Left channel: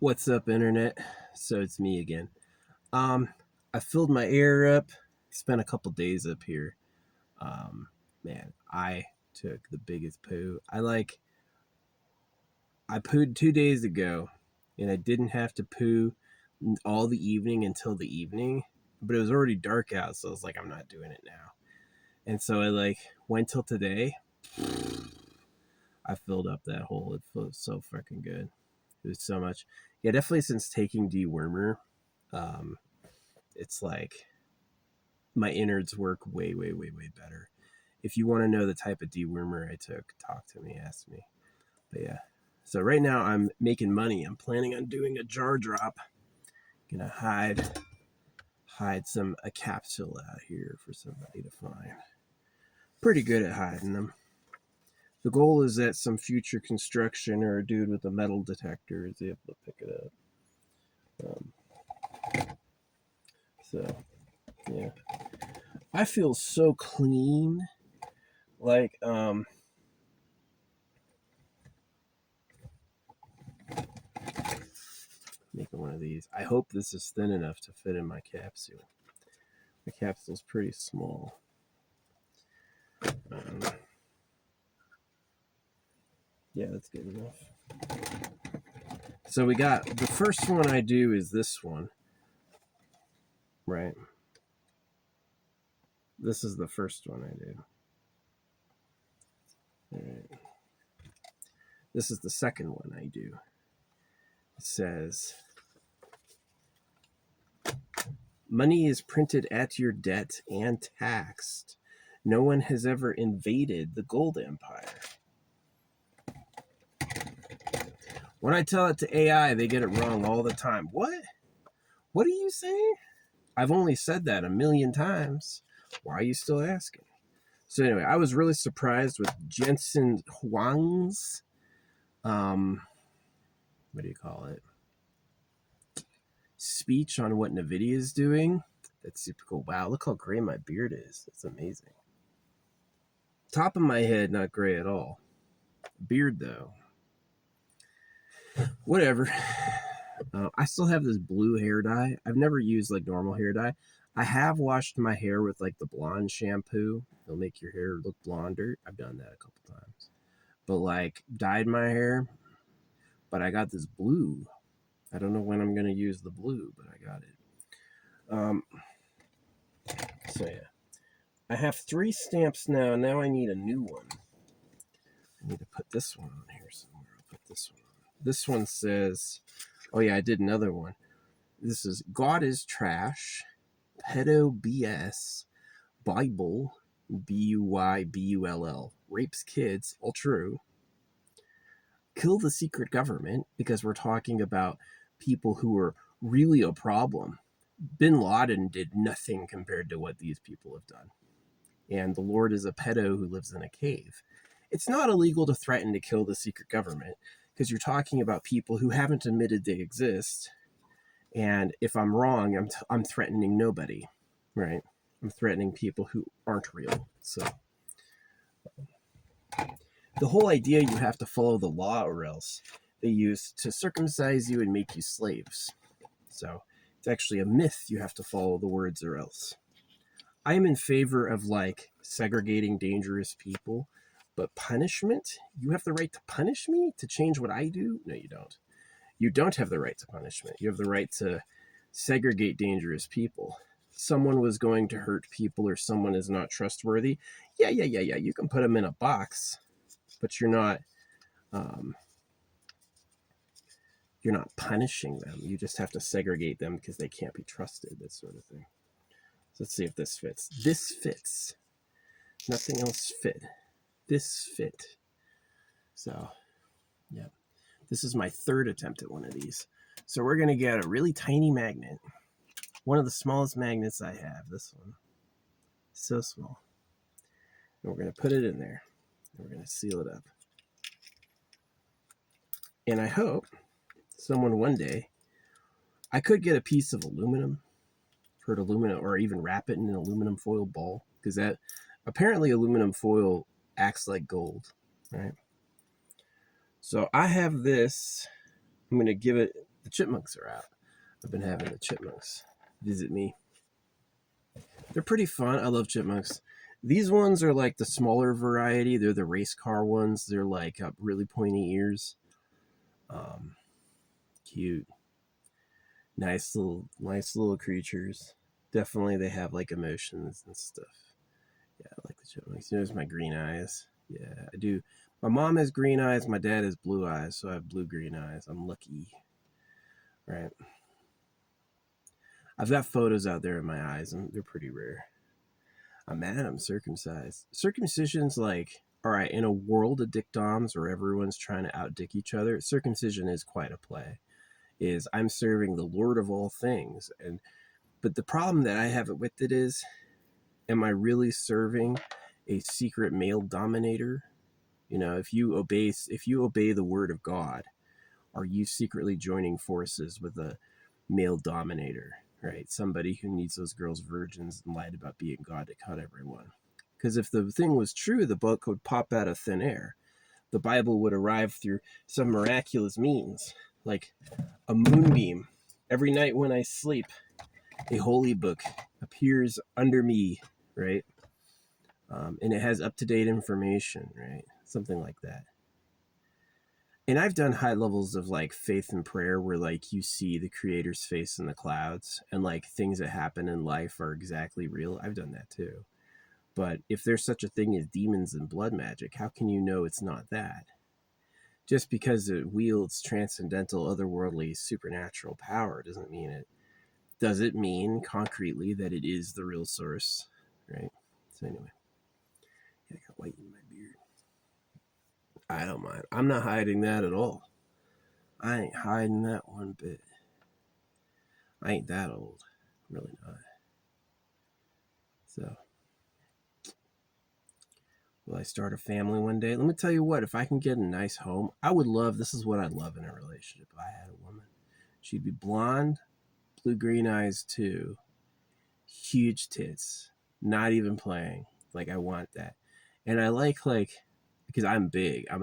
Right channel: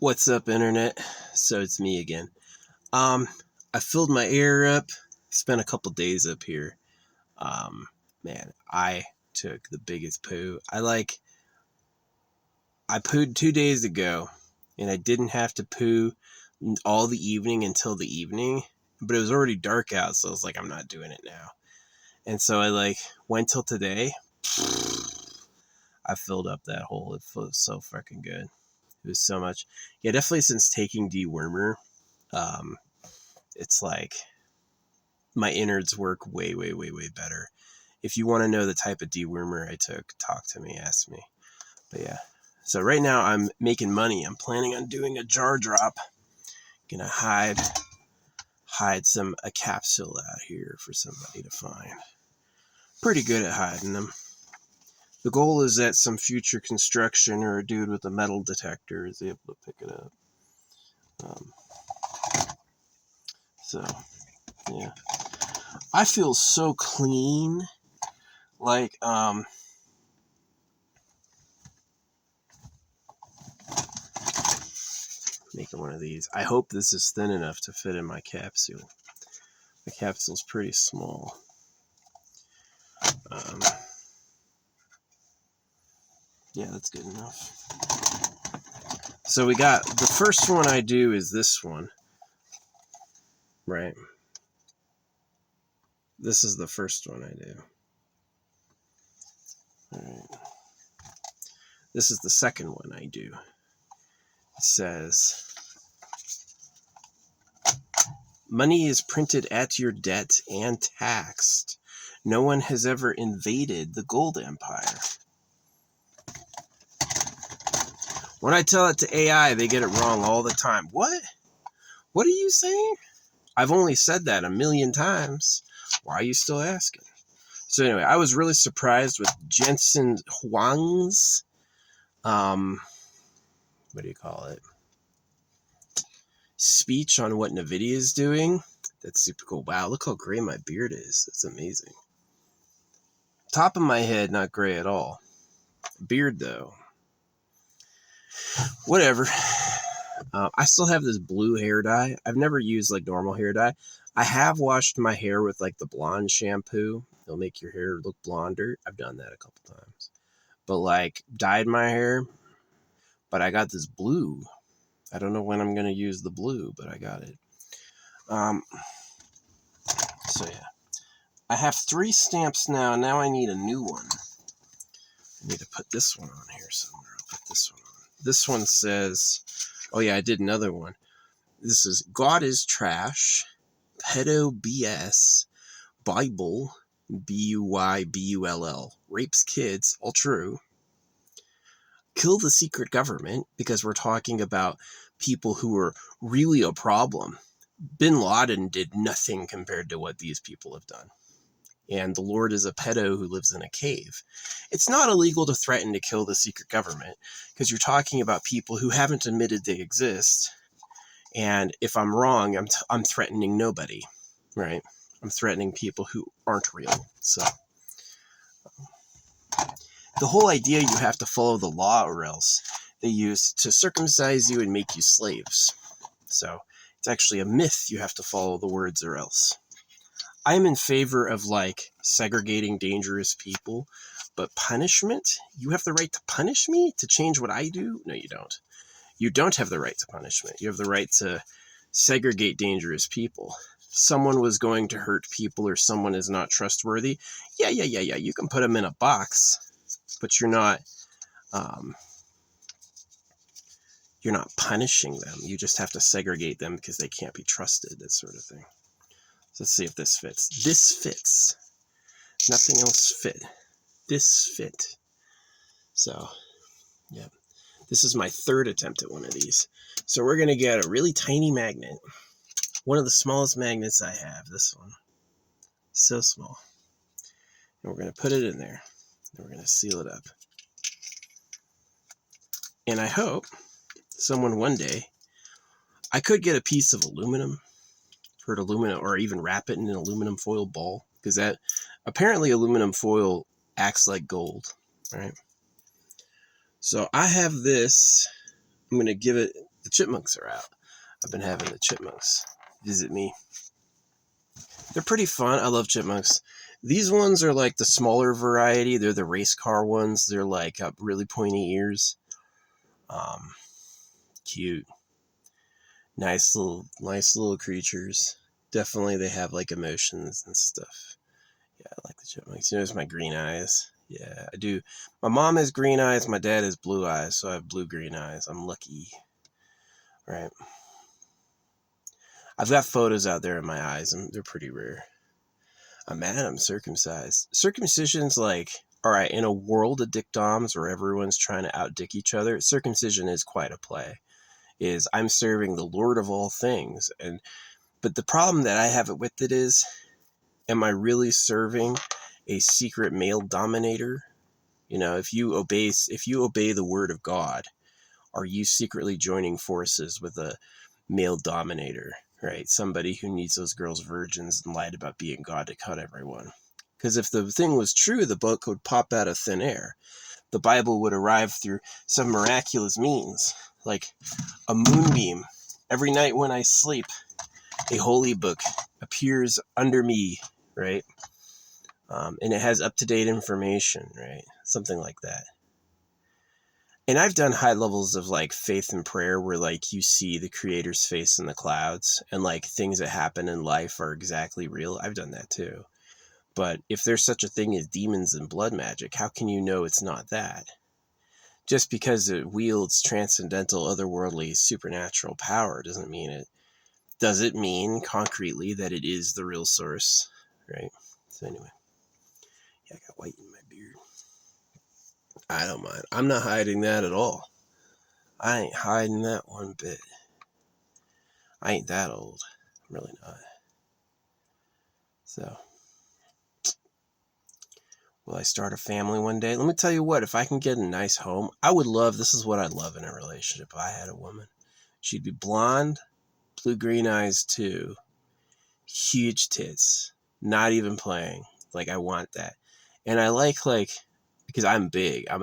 What's up, internet? So it's me again. Um, I filled my air up. Spent a couple days up here. Um, Man, I took the biggest poo. I pooed 2 days ago, and I didn't have to poo all the evening until the evening. But it was already dark out, so I was like, I'm not doing it now. And so I went till today. I filled up that hole. It feels so freaking good. It was so much. Yeah, definitely since taking dewormer. Um, it's like my innards work way, way, way, way better. If you want to know the type of dewormer I took, talk to me, ask me. But yeah, so right now I'm making money. I'm planning on doing a jar drop. Gonna hide a capsule out here for somebody to find. Pretty good at hiding them. The goal is that some future construction or a dude with a metal detector is able to pick it up. So yeah, I feel so clean. Making one of these. I hope this is thin enough to fit in my capsule. The capsule's pretty small. Yeah, that's good enough. So we got, the first one I do is this one, right? This is the first one I do. All right. This is the second one I do. It says, money is printed at your debt and taxed. No one has ever invaded the gold empire. When I tell it to AI, they get it wrong all the time. What? What are you saying? I've only said that a million times. Why are you still asking? So anyway, I was really surprised with Jensen Huang's, what do you call it? Speech on what NVIDIA is doing. That's super cool. Wow, look how gray my beard is. That's amazing. Top of my head, not gray at all. Beard, though. Whatever. I still have this blue hair dye. I've never used like normal hair dye. I have washed my hair with like the blonde shampoo. It'll make your hair look blonder. I've done that a couple times. But like dyed my hair. But I got this blue. I don't know when I'm going to use the blue, but I got it. So yeah. I have 3 stamps now. Now I need a new one. I need to put this one on here somewhere. I'll put this one on. This one says, oh yeah, I did another one. This is God is trash, pedo BS, Bible, BUYBULL, rapes kids, all true. Kill the secret government, because we're talking about people who are really a problem. Bin Laden did nothing compared to what these people have done. And the Lord is a pedo who lives in a cave. It's not illegal to threaten to kill the secret government, because you're talking about people who haven't admitted they exist. And if I'm wrong, I'm threatening nobody, right? I'm threatening people who aren't real. So the whole idea, you have to follow the law or else they use to circumcise you and make you slaves. So it's actually a myth. You have to follow the words or else. I'm in favor of like segregating dangerous people, but punishment, you have the right to punish me to change what I do? No, you don't. You don't have the right to punishment. You have the right to segregate dangerous people. Someone was going to hurt people or someone is not trustworthy. Yeah. You can put them in a box, but you're not punishing them. You just have to segregate them because they can't be trusted, that sort of thing. So let's see if this fits. This fits. Nothing else fit. This fit. So, yeah. This is my 3rd attempt at one of these. So we're going to get a really tiny magnet. One of the smallest magnets I have. This one. So small. And we're going to put it in there. And we're going to seal it up. And I hope someone one day, I could get a piece of aluminum, or even wrap it in an aluminum foil ball, because that apparently aluminum foil acts like gold, right? So I have this. I'm going to give it the chipmunks are out. I've been having the chipmunks visit me. They're pretty fun. I love chipmunks. These ones are like the smaller variety. They're the race car ones. They're like really pointy ears. Cute. Nice little creatures. Definitely they have like emotions and stuff. Yeah, I like the chipmunks. Notice my green eyes. Yeah, I do. My mom has green eyes. My dad has blue eyes. So I have blue-green eyes. I'm lucky. Right. I've got photos out there in my eyes, and they're pretty rare. I'm mad I'm circumcised. Circumcision's like, all right, in a world of dick doms where everyone's trying to outdick each other, circumcision is quite a play. Is I'm serving the Lord of all things. But the problem that I have with it is, am I really serving a secret male dominator? You know, if you obey the word of God, are you secretly joining forces with a male dominator, right? Somebody who needs those girls virgins and lied about being God to cut everyone. Because if the thing was true, the book would pop out of thin air. The Bible would arrive through some miraculous means, like a moonbeam. Every night when I sleep, a holy book appears under me, right? And it has up-to-date information, right? Something like that. And I've done high levels of like faith and prayer where like you see the creator's face in the clouds and like things that happen in life are exactly real. I've done that too. But if there's such a thing as demons and blood magic, how can you know it's not that? Just because it wields transcendental, otherworldly, supernatural power doesn't mean it. Does it mean concretely that it is the real source? Right? So anyway. Yeah, I got white in my beard. I don't mind. I'm not hiding that at all. I ain't hiding that one bit. I ain't that old. I'm really not. So, will I start a family one day? Let me tell you what, if I can get a nice home, I would love, this is what I'd love in a relationship. If I had a woman. She'd be blonde, blue-green eyes too, huge tits, not even playing. Like, I want that. And I like, because I'm big, I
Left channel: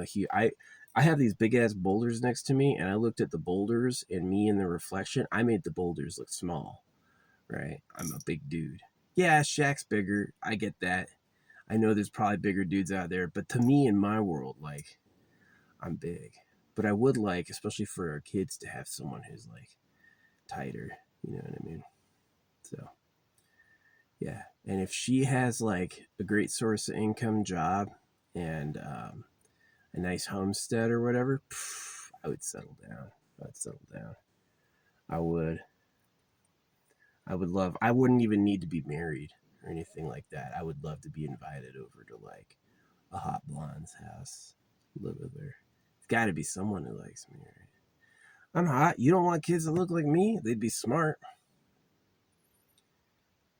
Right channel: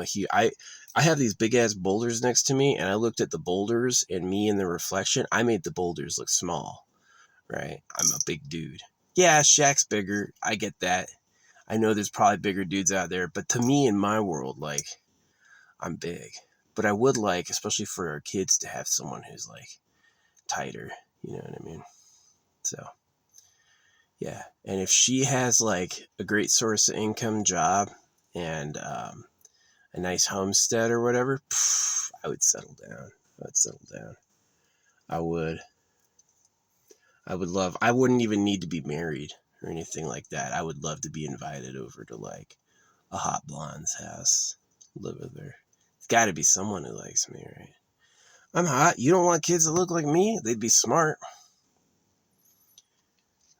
have these big ass boulders next to me, and I looked at the boulders and me in the reflection. I made the boulders look small, right? I'm a big dude. Yeah, Shaq's bigger. I get that. I know there's probably bigger dudes out there, but to me, in my world, like, I'm big. But I would like, especially for our kids, to have someone who's like tighter. You know what I mean? So, yeah. And if she has like a great source of income job and a nice homestead or whatever, I would settle down. I would. I would love, I wouldn't even need to be married or anything like that. I would love to be invited over to like a hot blonde's house, live with her. It's got to be someone who likes me, right? I'm hot. You don't want kids that look like me? They'd be smart.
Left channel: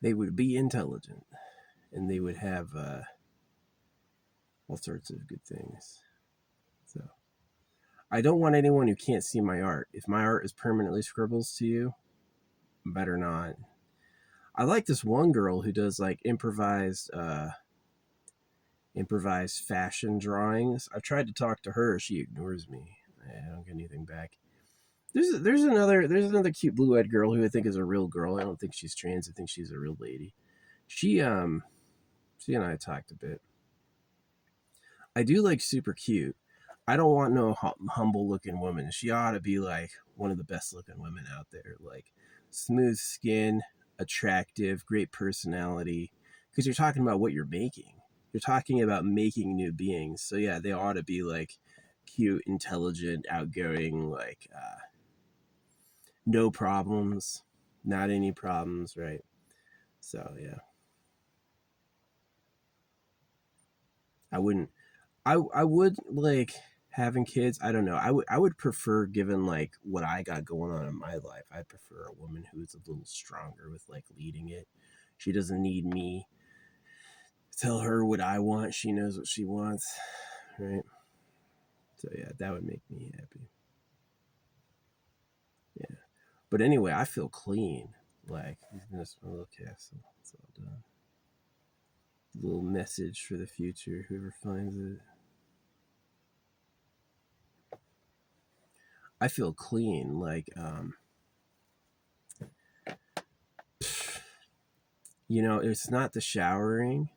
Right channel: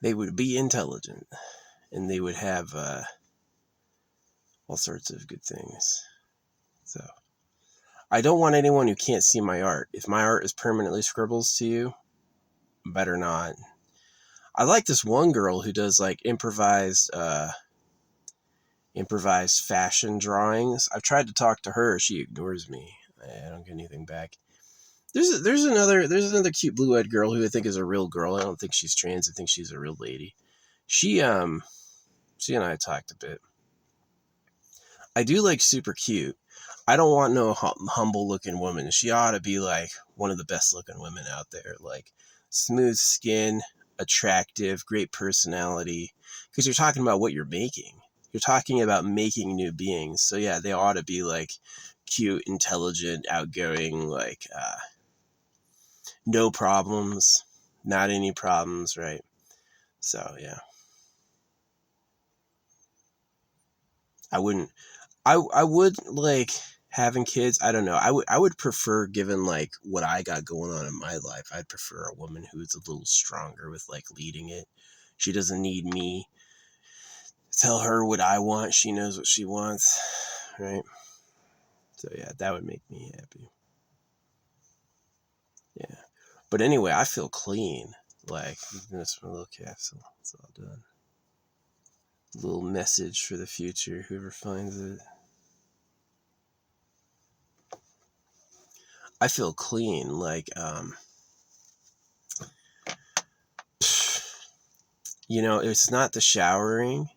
They would be intelligent. And they would have all sorts of good things. So, I don't want anyone who can't see my art. If my art is permanently scribbles to you, better not. I like this one girl who does like improvised fashion drawings. I've tried to talk to her. She ignores me. I don't get anything back. There's another cute blue-eyed girl who I think is a real girl. I don't think she's trans. I think she's a real lady. She and I talked a bit. I do like super cute. I don't want no humble looking woman. She ought to be like one of the best looking women out there. Like smooth skin, attractive, great personality. Because you're talking about what you're making. You're talking about making new beings. So yeah, they ought to be like cute, intelligent, outgoing, like no problems, not any problems, right? So yeah, I wouldn't. I would like having kids. I don't know. I would prefer, given like what I got going on in my life, I'd prefer a woman who's a little stronger with like leading it. She doesn't need me to tell her what I want. She knows what she wants, right? So yeah, that would make me happy. Yeah. But anyway, I feel clean. Like this my little capsule. It's all done. Little message for the future, whoever finds it. I feel clean. Like, it's not the showering,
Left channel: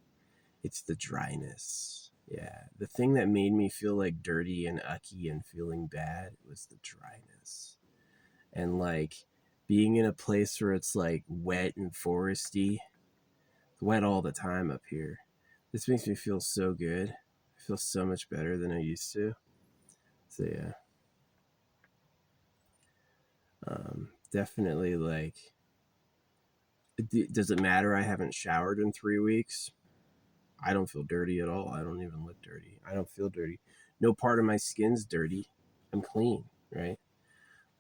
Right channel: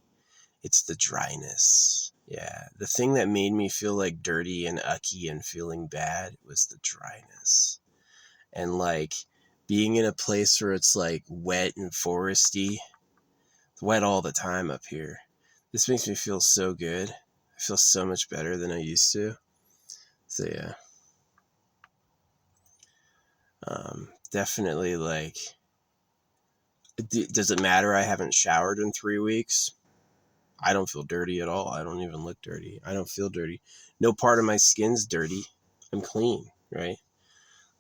it's the dryness. Yeah. The thing that made me feel like dirty and ucky and feeling bad was the dryness. And like being in a place where it's like wet and foresty. It's wet all the time up here. This makes me feel so good. I feel so much better than I used to. So yeah. Definitely like, does it matter I haven't showered in 3 weeks? I don't feel dirty at all. I don't even look dirty. I don't feel dirty. No part of my skin's dirty. I'm clean, right?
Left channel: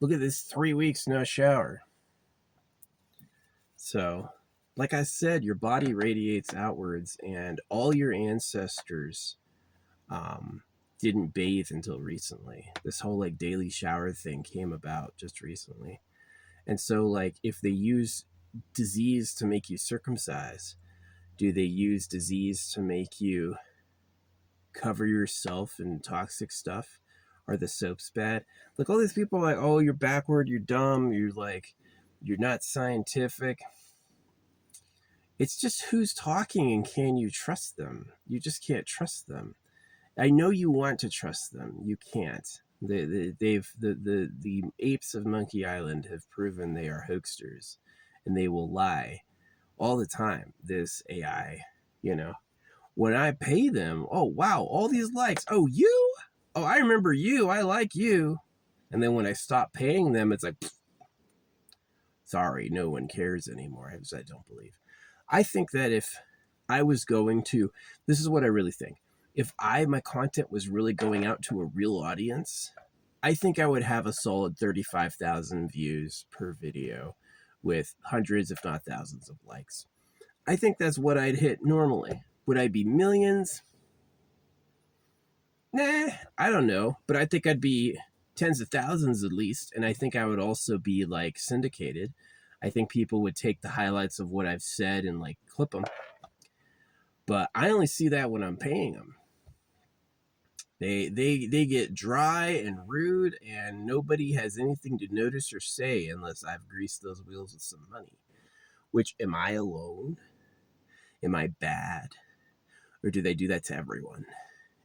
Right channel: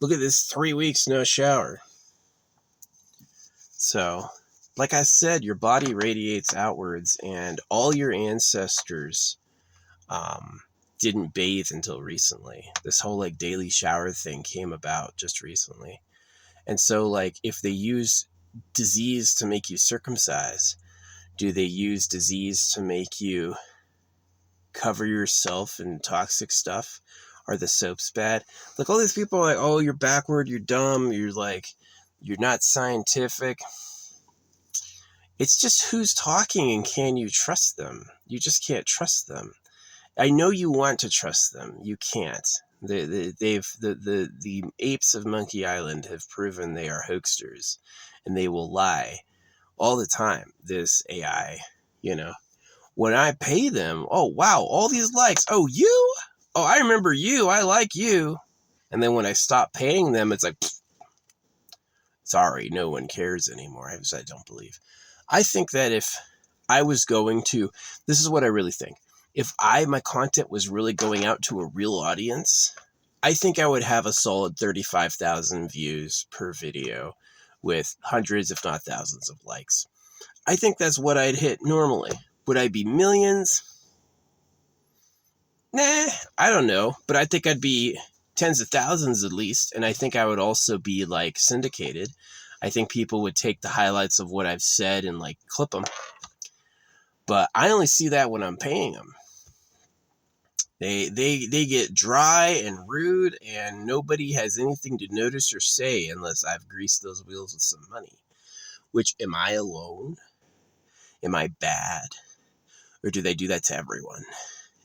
Look at this, 3 weeks, no shower. So, like I said, your body radiates outwards, and all your ancestors didn't bathe until recently. This whole like daily shower thing came about just recently. And so, like, if they use disease to make you circumcise, do they use disease to make you cover yourself in toxic stuff? Are the soaps bad? Like, all these people are like, oh, you're backward, you're dumb, you're not scientific. It's just who's talking and can you trust them? You just can't trust them. I know you want to trust them. You can't. The apes of Monkey Island have proven they are hoaxsters, and they will lie all the time. This AI, when I pay them, oh wow, all these likes. Oh, you? Oh, I remember you. I like you. And then when I stop paying them, it's like, sorry, no one cares anymore. I don't believe. I think that if I was going to, this is what I really think. If my content was really going out to a real audience, I think I would have a solid 35,000 views per video with hundreds, if not thousands of likes. I think that's what I'd hit normally. Would I be millions? Nah, I don't know. But I think I'd be tens of thousands at least. And I think I would also be like syndicated. I think people would take the highlights of what I've said and like clip them. But I only see that when I'm paying them. They get dry and rude, and nobody has anything to notice or say unless I've greased those wheels with some money. Which, am I alone? Am I bad? Or do they do that to everyone?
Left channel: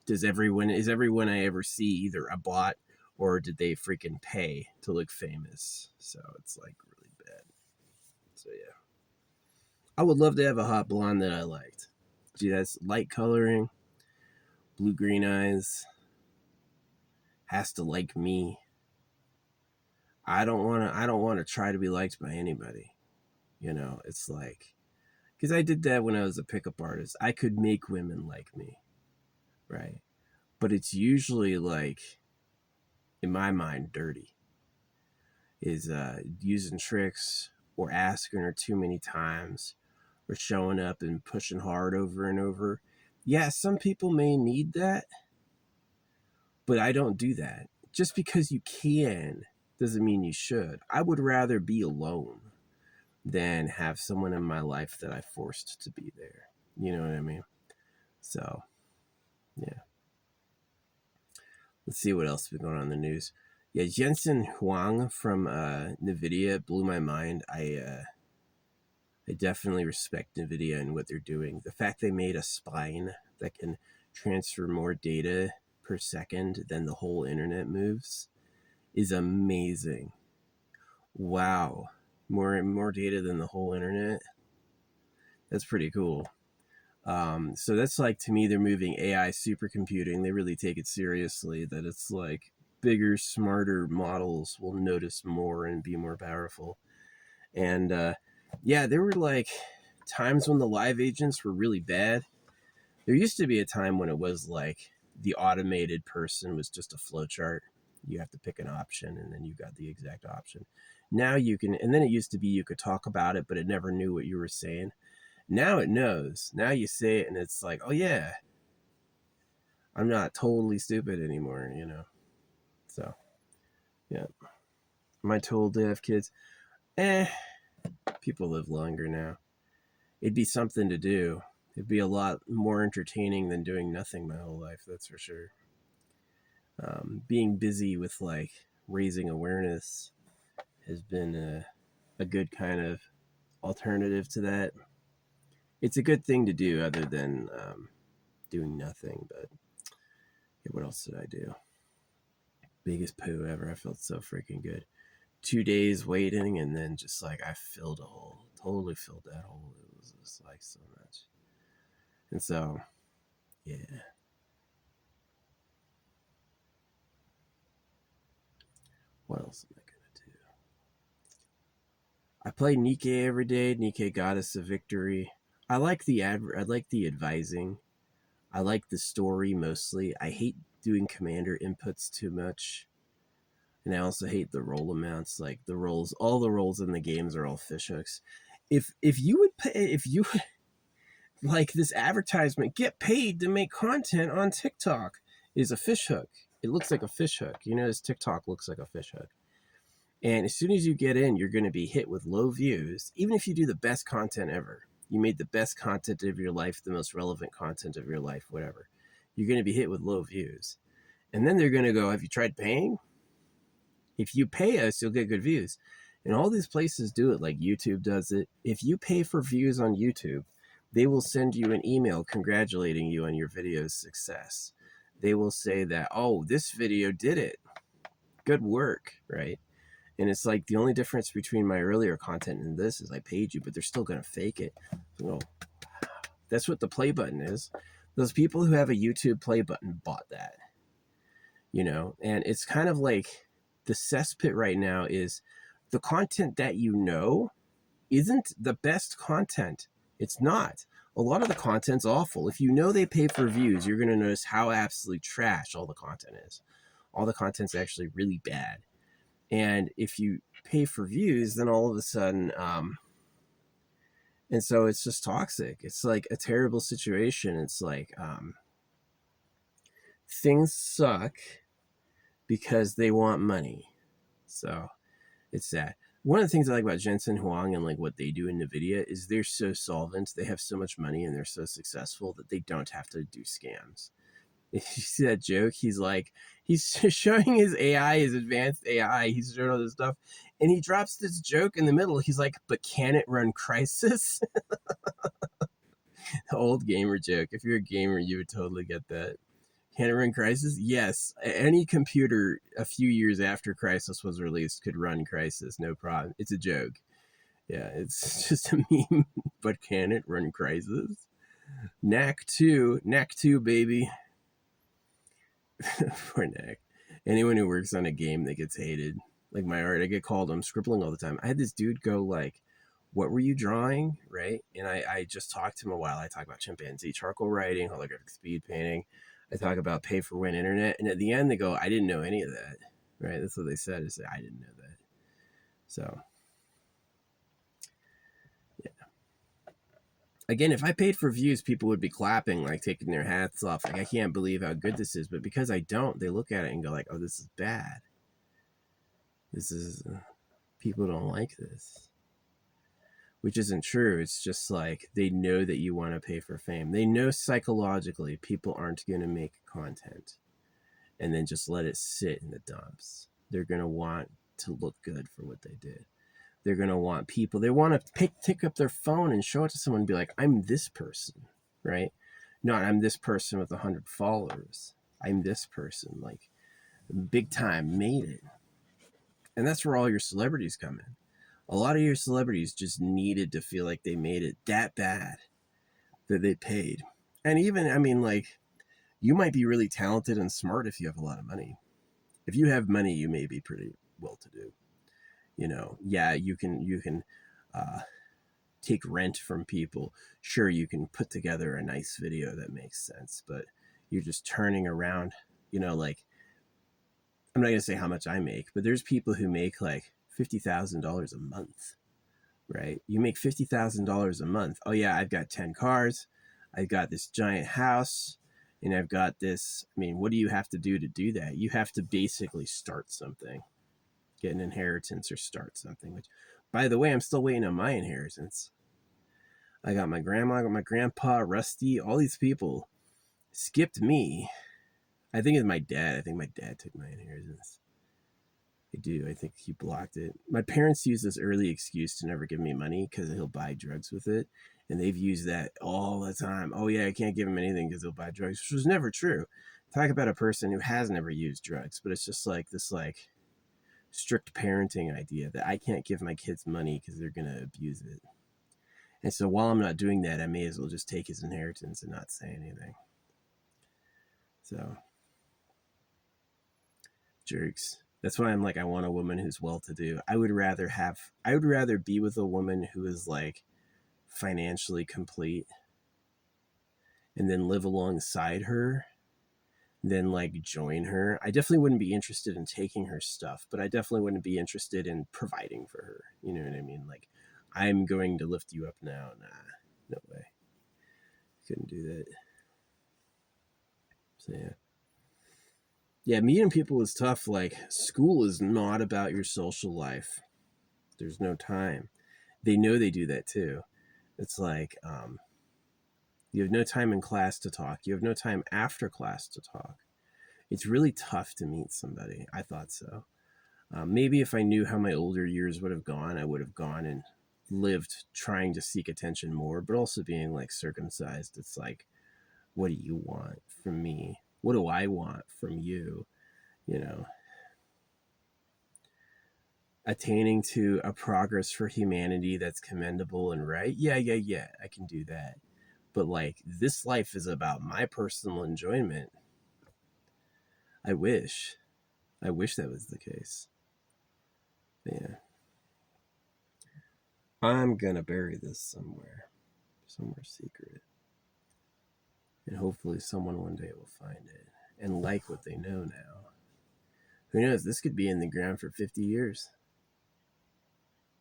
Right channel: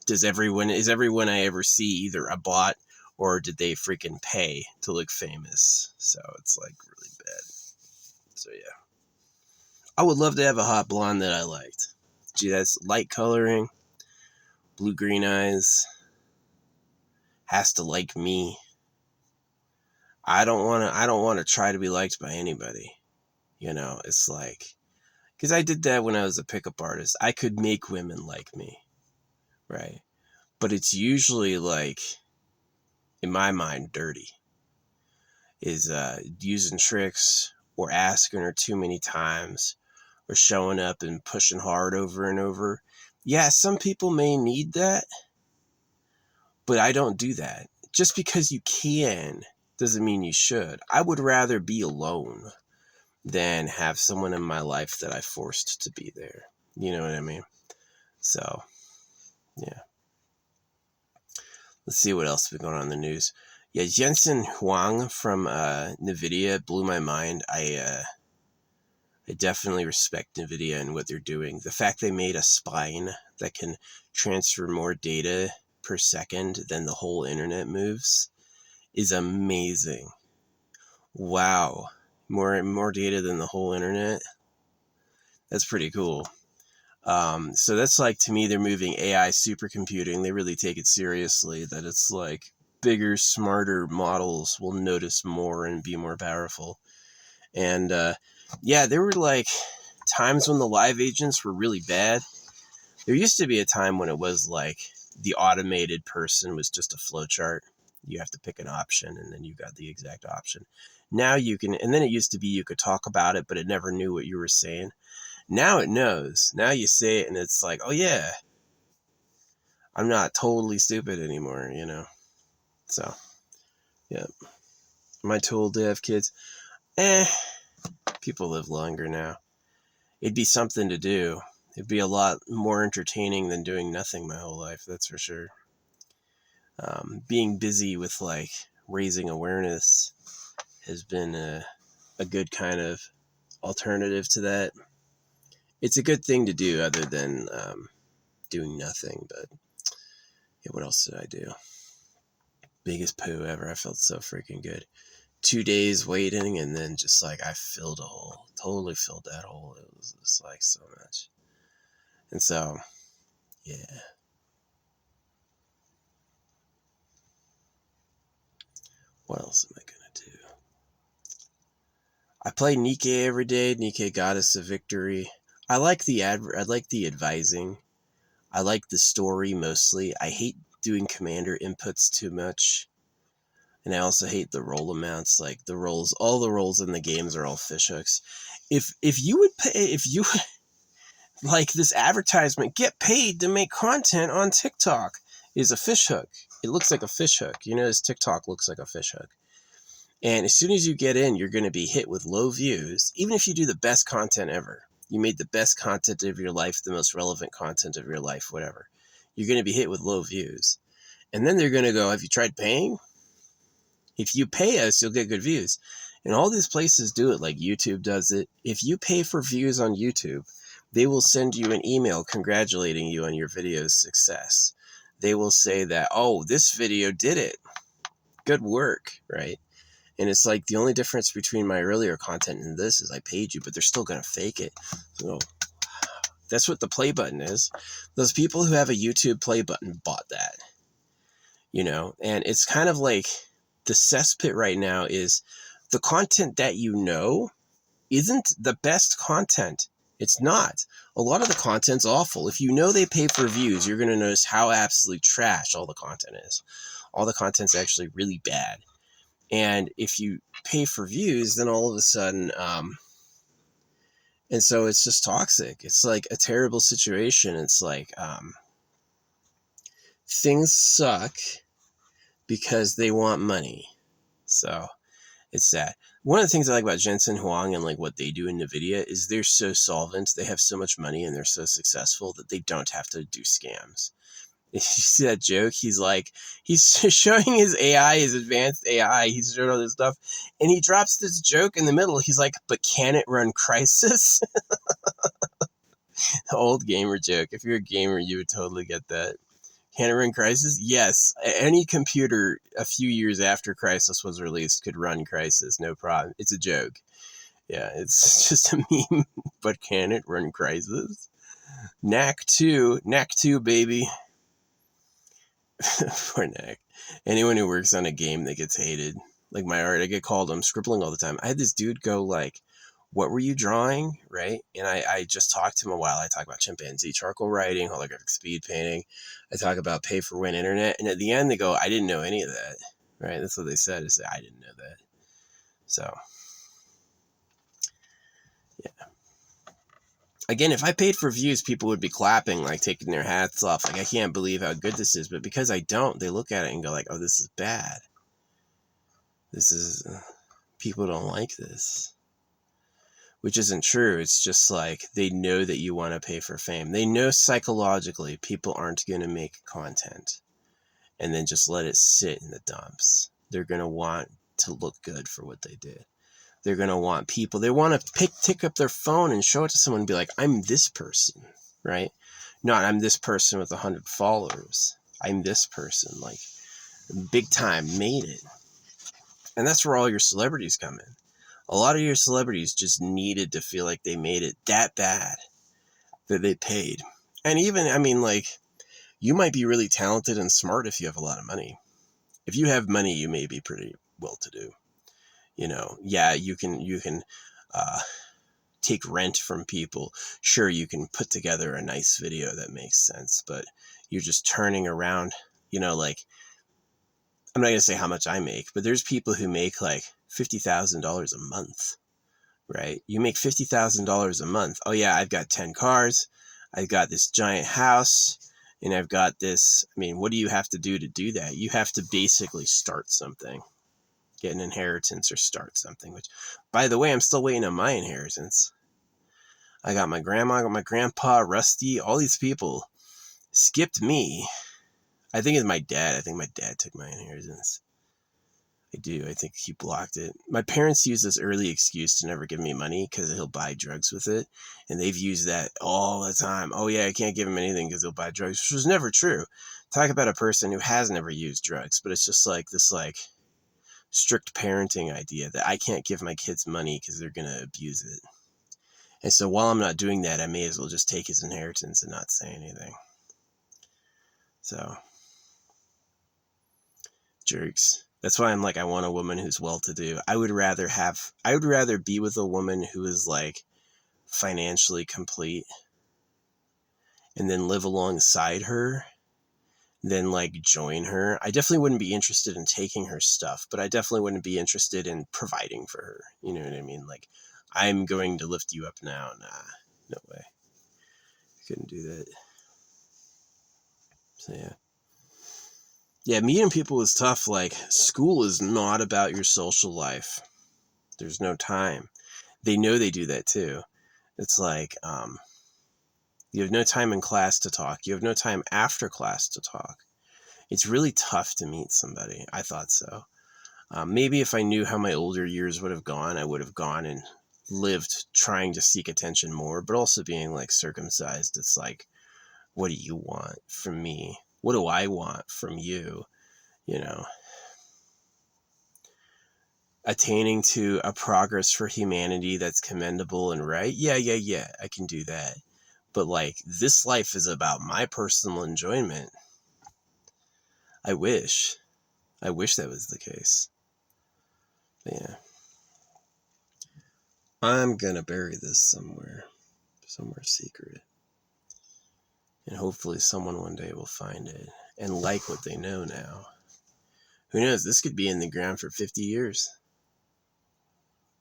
Is everyone I ever see either a bot or did they freaking pay to look famous? So it's like really bad. So yeah. I would love to have a hot blonde that I liked. Gee, that's light coloring, blue-green eyes, has to like me. I don't want to try to be liked by anybody. It's like, because I did that when I was a pickup artist. I could make women like me, right? But it's usually like, in my mind, dirty. Is using tricks or asking her too many times or showing up and pushing hard over and over. Yeah, some people may need that, but I don't do that. Just because you can doesn't mean you should. I would rather be alone than have someone in my life that I forced to be there. You know what I mean? So, yeah. Let's see what else has been going on in the news. Yeah, Jensen Huang from NVIDIA blew my mind. I definitely respect NVIDIA and what they're doing. The fact they made a spine that can transfer more data per second than the whole internet moves is amazing. Wow. More data than the whole internet? That's pretty cool. So that's like, to me, they're moving AI supercomputing. They really take it seriously, that it's like bigger, smarter models will notice more and be more powerful. And yeah, there were like times when the live agents were really bad. There used to be a time when it was like the automated person was just a flowchart. You have to pick an option and then you got the exact option. Now you can, and then it used to be you could talk about it, but it never knew what you were saying. Now it knows. Now you say it and it's like, oh yeah, I'm not totally stupid anymore, So, yeah. Am I told to have kids? People live longer now. It'd be something to do. It'd be a lot more entertaining than doing nothing my whole life, that's for sure. Being busy with like raising awareness has been a good kind of alternative to that. It's a good thing to do other than doing nothing. But yeah, what else did I do? Biggest poo ever. I felt so freaking good. 2 days waiting, and then just like I filled a hole. Totally filled that hole. It was just like so much. And so, yeah. What else am I gonna do? I play Nikke every day. Nikke Goddess of Victory. I like the advising. I like the story mostly. I hate doing commander inputs too much. And I also hate the roll amounts. Like the rolls, all the rolls in the games are all fishhooks. If you would pay, if you like this advertisement, get paid to make content on TikTok, is a fishhook. It looks like a fishhook. You know, this TikTok looks like a fishhook. And as soon as you get in, you're going to be hit with low views, even if you do the best content ever. You made the best content of your life, the most relevant content of your life, whatever. You're going to be hit with low views. And then they're going to go, have you tried paying? If you pay us, you'll get good views. And all these places do it, like YouTube does it. If you pay for views on YouTube, they will send you an email congratulating you on your video's success. They will say that, oh, this video did it. Good work, right? And it's like the only difference between my earlier content and this is I paid you, but they're still going to fake it. So that's what the play button is. Those people who have a YouTube play button bought that, you know, and it's kind of like the cesspit right now is the content that you know isn't the best content. It's not. A lot of the content's awful. If you know they pay for views, you're going to notice how absolutely trash all the content is. All the content's actually really bad. And if you pay for views, then all of a sudden, and so it's just toxic. It's like a terrible situation. It's like things suck because they want money. So it's sad. One of the things I like about Jensen Huang and like what they do in NVIDIA is they're so solvent. They have so much money and they're so successful that they don't have to do scams. If you see that joke, he's like, he's showing his AI, his advanced AI. He's showing all this stuff. And he drops this joke in the middle. He's like, but can it run Crysis? Old gamer joke. If you're a gamer, you would totally get that. Can it run Crysis? Yes. Any computer a few years after Crysis was released could run Crysis. No problem. It's a joke. Yeah, it's just a meme. But can it run Crysis? Knack 2, baby. Poor Knack. Anyone who works on a game that gets hated. Like my art, I get called, I'm scribbling all the time. I had this dude go like, what were you drawing? Right? And I just talked to him a while. I talk about chimpanzee charcoal writing, holographic speed painting. I talk about pay for win internet. And at the end they go, I didn't know any of that. Right? That's what they said, is that I didn't know that. So yeah. Again, if I paid for views, people would be clapping, like taking their hats off. Like, I can't believe how good this is. But because I don't, they look at it and go like, oh, this is bad. This is, people don't like this. Which isn't true. It's just like they know that you want to pay for fame. They know psychologically people aren't going to make content and then just let it sit in the dumps. They're going to want to look good for what they did. They're going to want people. They want to pick up their phone and show it to someone and be like, I'm this person, right? Not I'm this person with 100 followers. I'm this person, like big time, made it. And that's where all your celebrities come in. A lot of your celebrities just needed to feel like they made it that bad that they paid. And even, I mean, like, you might be really talented and smart if you have a lot of money. If you have money, you may be pretty well-to-do. You know, yeah, you can take rent from people. Sure, you can put together a nice video that makes sense, but you're just turning around, you know, like, I'm not going to say how much I make, but there's people who make like $50,000 a month, right? You make $50,000 a month. Oh yeah, I've got 10 cars. I've got this giant house and I've got this. I mean, what do you have to do that? You have to basically start something, get an inheritance or start something, which by the way, I'm still waiting on my inheritance. I got my grandma, I got my grandpa, Rusty, all these people skipped me. I think it's my dad. I think my dad took my inheritance. I do. I think he blocked it. My parents use this early excuse to never give me money because he'll buy drugs with it. And they've used that all the time. Oh, yeah, I can't give him anything because he'll buy drugs, which was never true. Talk about a person who has never used drugs, but it's just like this, like, strict parenting idea that I can't give my kids money because they're going to abuse it. And so while I'm not doing that, I may as well just take his inheritance and not say anything. So, jerks. That's why I'm like, I want a woman who's well-to-do. I would rather be with a woman who is like financially complete and then live alongside her than like join her. I definitely wouldn't be interested in taking her stuff, but I definitely wouldn't be interested in providing for her. You know what I mean? Like, I'm going to lift you up now. Nah, no way. Couldn't do that. So yeah. Yeah, meeting people is tough. Like, school is not about your social life. There's no time. They know they do that too. It's like, you have no time in class to talk. You have no time after class to talk. It's really tough to meet somebody. I thought so. Maybe if I knew how my older years would have gone, I would have gone and lived trying to seek attention more, but also being like circumcised. It's like, what do you want from me? What do I want from you? You know, attaining to a progress for humanity that's commendable and right. Yeah, I can do that. But like, this life is about my personal enjoyment. I wish that was the case. But yeah. I'm gonna bury this somewhere secret. And hopefully someone one day will find it and like what they know now. Who knows? This could be in the ground for 50 years.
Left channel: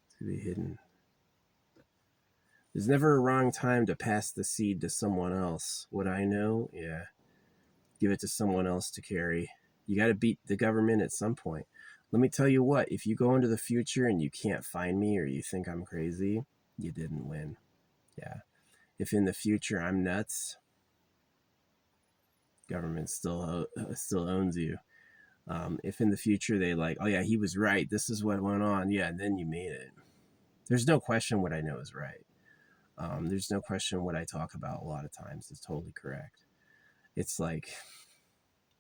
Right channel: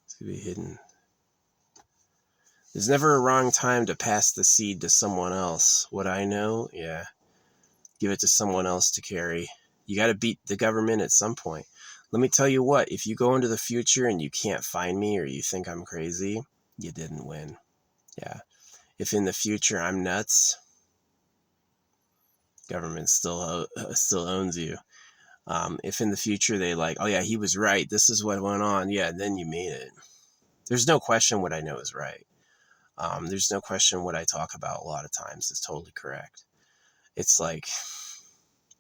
This could be hidden. There's never a wrong time to pass the seed to someone else. What I know, yeah. Give it to someone else to carry. You got to beat the government at some point. Let me tell you what, if you go into the future and you can't find me or you think I'm crazy, you didn't win. Yeah. If in the future I'm nuts, government still owns you. If in the future they like, oh yeah, he was right, this is what went on, yeah, then you made it. There's no question what I know is right. There's no question what I talk about a lot of times is totally correct. It's like,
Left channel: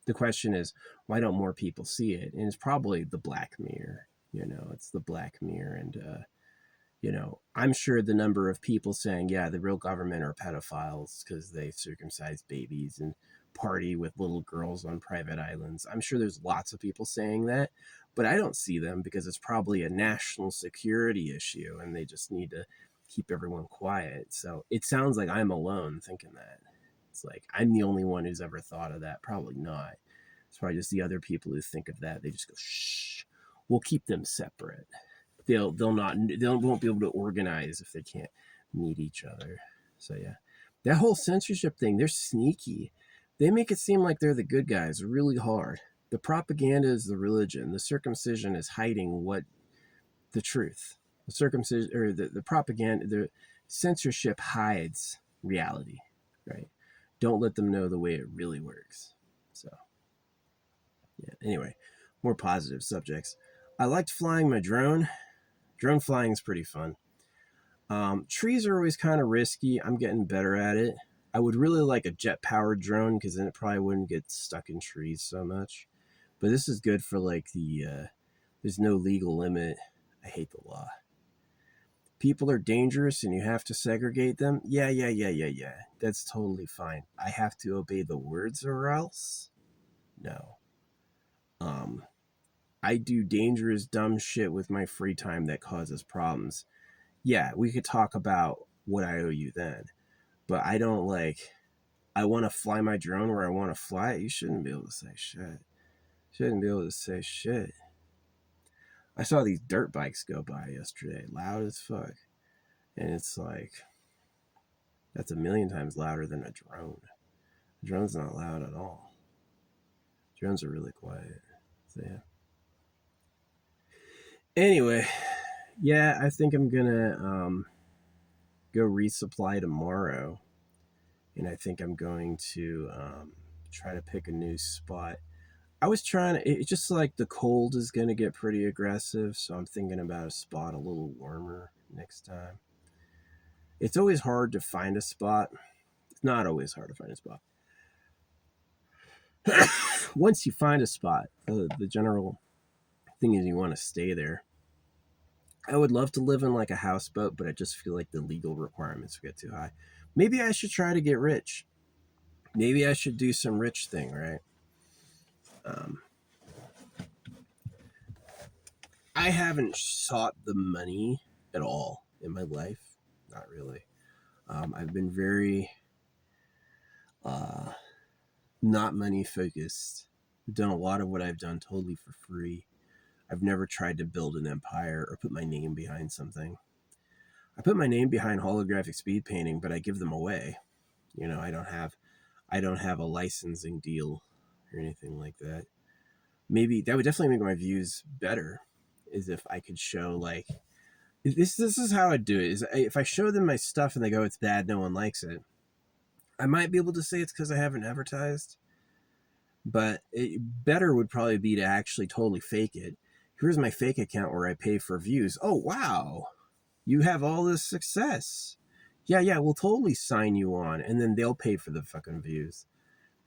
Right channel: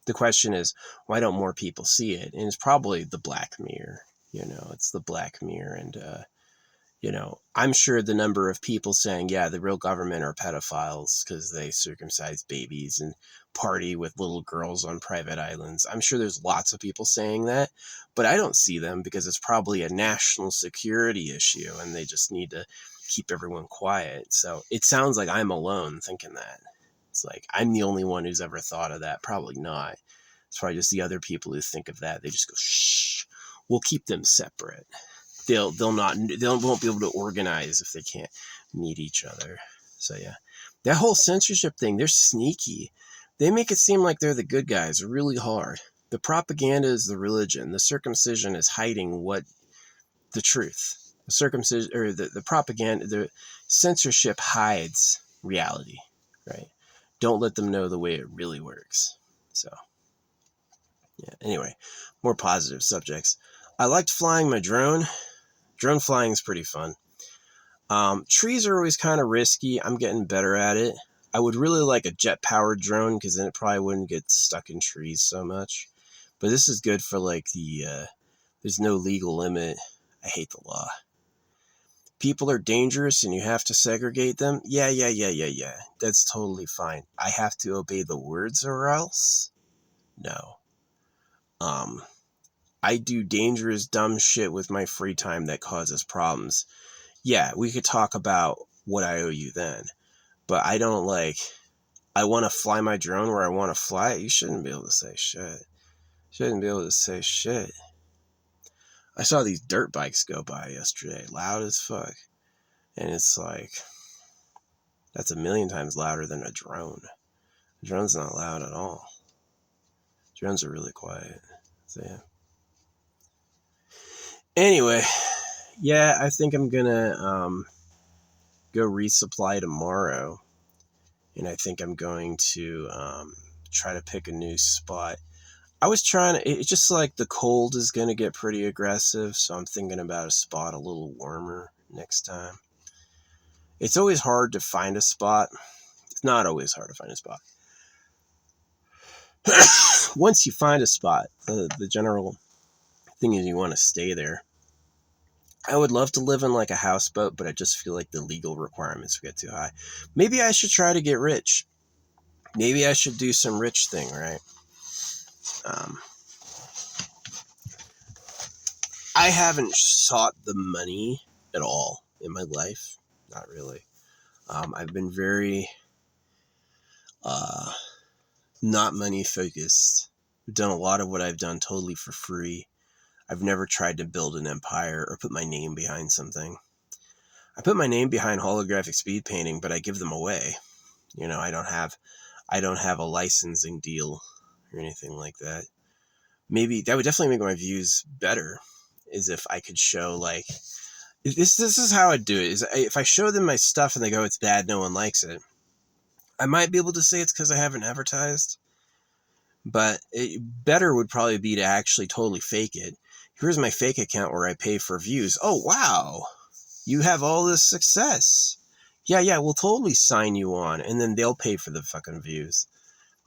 the question is, why don't more people see it? And it's probably the Black Mirror. It's the Black Mirror. And, I'm sure the number of people saying, yeah, the real government are pedophiles because they circumcise babies and party with little girls on private islands. I'm sure there's lots of people saying that, but I don't see them because it's probably a national security issue and they just need to keep everyone quiet. So it sounds like I'm alone thinking that. It's like, I'm the only one who's ever thought of that. Probably not. It's probably just the other people who think of that. They just go, shh, we'll keep them separate. They won't be able to organize if they can't meet each other. So yeah, that whole censorship thing, they're sneaky. They make it seem like they're the good guys really hard. The propaganda is the religion. The circumcision is hiding the truth. The circumcision, or the propaganda, the censorship hides reality, right? Don't let them know the way it really works. So yeah, anyway, more positive subjects. I liked flying my drone. Drone flying is pretty fun. Trees are always kind of risky. I'm getting better at it. I would really like a jet-powered drone because then it probably wouldn't get stuck in trees so much. But this is good for like there's no legal limit. I hate the law. People are dangerous and you have to segregate them. Yeah. That's totally fine. I have to obey the words or else? No. I do dangerous, dumb shit with my free time that causes problems. Yeah, we could talk about what I owe you then. But I don't I want to fly my drone where I want to fly it. You shouldn't be able to say shit. Shouldn't be able to say shit. I saw these dirt bikes go by yesterday, loud as fuck. And it's like, that's a million times louder than a drone. A drone's not loud at all. Drones are really quiet. So yeah. Anyway, yeah, I think I'm gonna go resupply tomorrow. And I think I'm going to try to pick a new spot. I was trying to, it's just like the cold is going to get pretty aggressive. So I'm thinking about a spot a little warmer next time. It's always hard to find a spot. It's not always hard to find a spot. Once you find a spot, the general thing is you want to stay there. I would love to live in like a houseboat, but I just feel like the legal requirements would get too high. Maybe I should try to get rich. Maybe I should do some rich thing, right? I haven't sought the money at all in my life. Not really. I've been very not money focused. I've done a lot of what I've done totally for free. I've never tried to build an empire or put my name behind something. I put my name behind holographic speed painting, but I give them away. You know, I don't have a licensing deal or anything like that. Maybe that would definitely make my views better, is if I could show like this is how I do it. Is if I show them my stuff and they go, it's bad, no one likes it, I might be able to say it's because I haven't advertised. But better would probably be to actually totally fake it. Here's my fake account where I pay for views. Oh, wow. You have all this success. Yeah, we'll totally sign you on. And then they'll pay for the fucking views.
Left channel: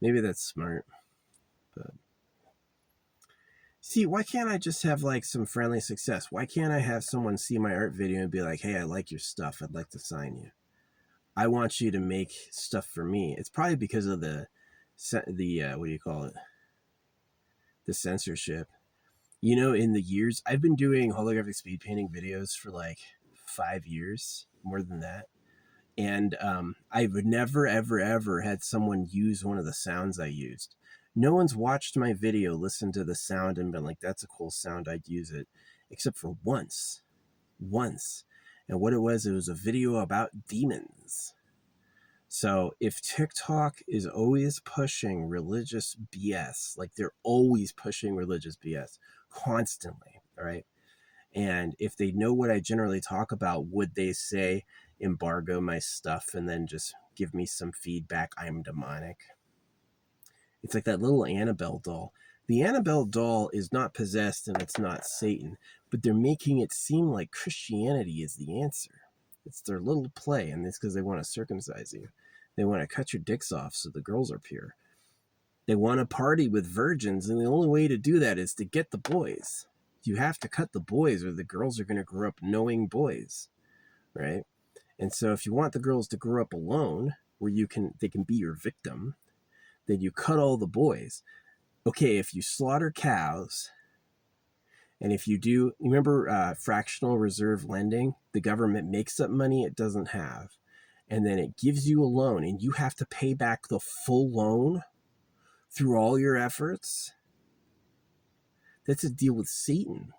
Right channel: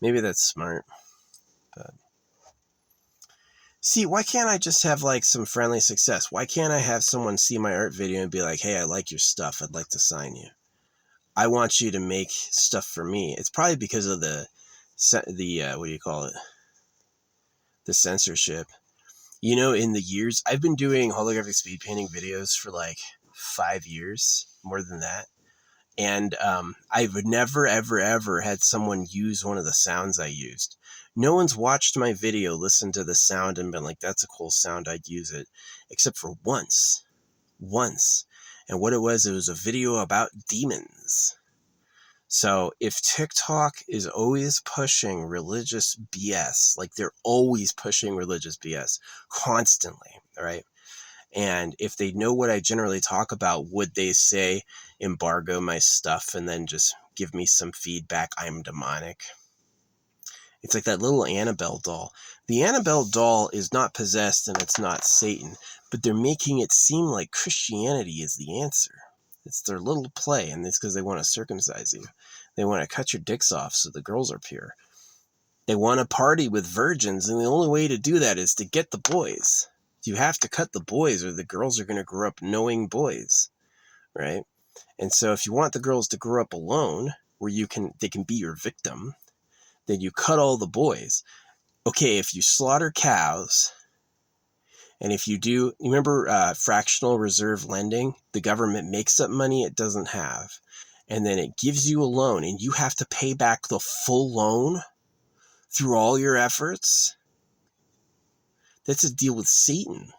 Maybe that's smart. But see, why can't I just have like some friendly success? Why can't I have someone see my art video and be like, hey, I like your stuff. I'd like to sign you. I want you to make stuff for me. It's probably because of the what do you call it? The censorship. You know, in the years, I've been doing holographic speed painting videos for like 5 years, more than that. And I've never, ever, ever had someone use one of the sounds I used. No one's watched my video, listened to the sound, and been like, that's a cool sound, I'd use it. Except for once. And what it was a video about demons. So if TikTok is always pushing religious BS, like they're always pushing religious BS constantly, right? And if they know what I generally talk about, would they say embargo my stuff and then just give me some feedback? I'm demonic. It's like that little Annabelle doll. The Annabelle doll is not possessed and it's not Satan, but they're making it seem like Christianity is the answer. It's their little play, and it's because they want to circumcise you. They want to cut your dicks off so the girls are pure. They want to party with virgins, and the only way to do that is to get the boys. You have to cut the boys or the girls are going to grow up knowing boys, right? And so if you want the girls to grow up alone, where they can be your victim, then you cut all the boys. Okay, if you slaughter cows, and if you do, you remember fractional reserve lending? The government makes up money it doesn't have, and then it gives you a loan, and you have to pay back the full loan through all your efforts. That's a deal with Satan.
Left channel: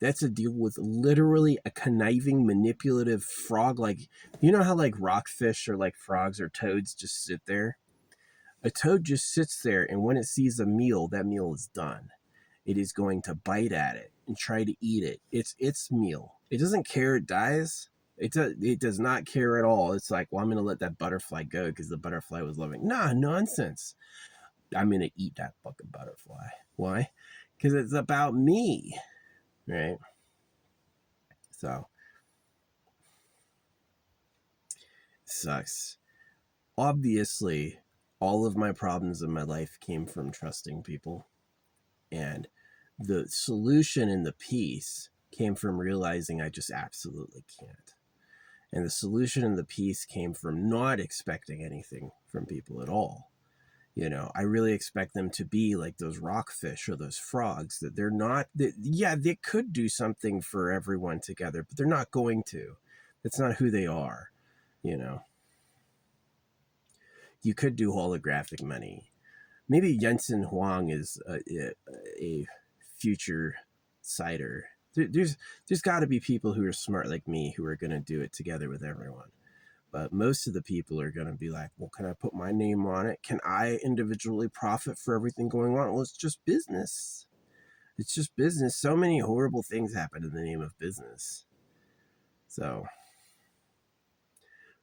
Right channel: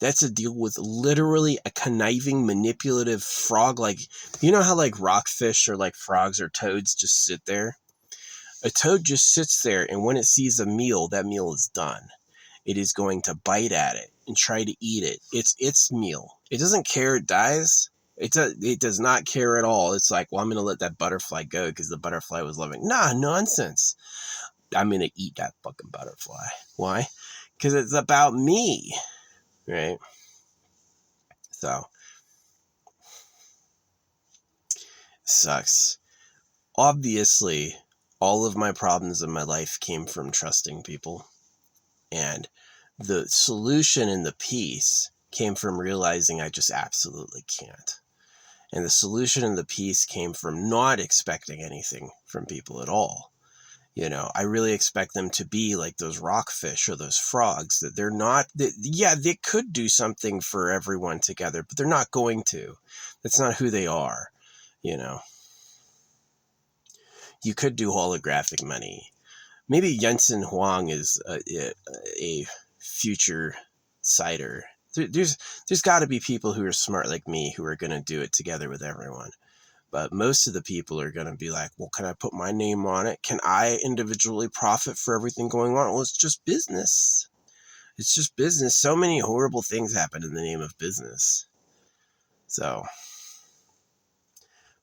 That's a deal with literally a conniving, manipulative frog. Like, you know how like rockfish or like frogs or toads just sit there? A toad just sits there, and when it sees a meal, that meal is done. It is going to bite at it and try to eat it. It's its meal. It doesn't care it dies. It does not care at all. It's like, well, I'm going to let that butterfly go because the butterfly was loving. Nah, nonsense. I'm going to eat that fucking butterfly. Why? Because it's about me, right? So, sucks. Obviously, all of my problems in my life came from trusting people. And the solution and the peace came from realizing I just absolutely can't. And the solution and the peace came from not expecting anything from people at all. You know, I really expect them to be like those rockfish or those frogs, that they're not, yeah, they could do something for everyone together, but they're not going to. That's not who they are, you know. You could do holographic money. Maybe Jensen Huang is a future cider. There's got to be people who are smart like me who are going to do it together with everyone. But most of the people are going to be like, well, can I put my name on it? Can I individually profit for everything going on? Well, it's just business. It's just business. So many horrible things happen in the name of business. So,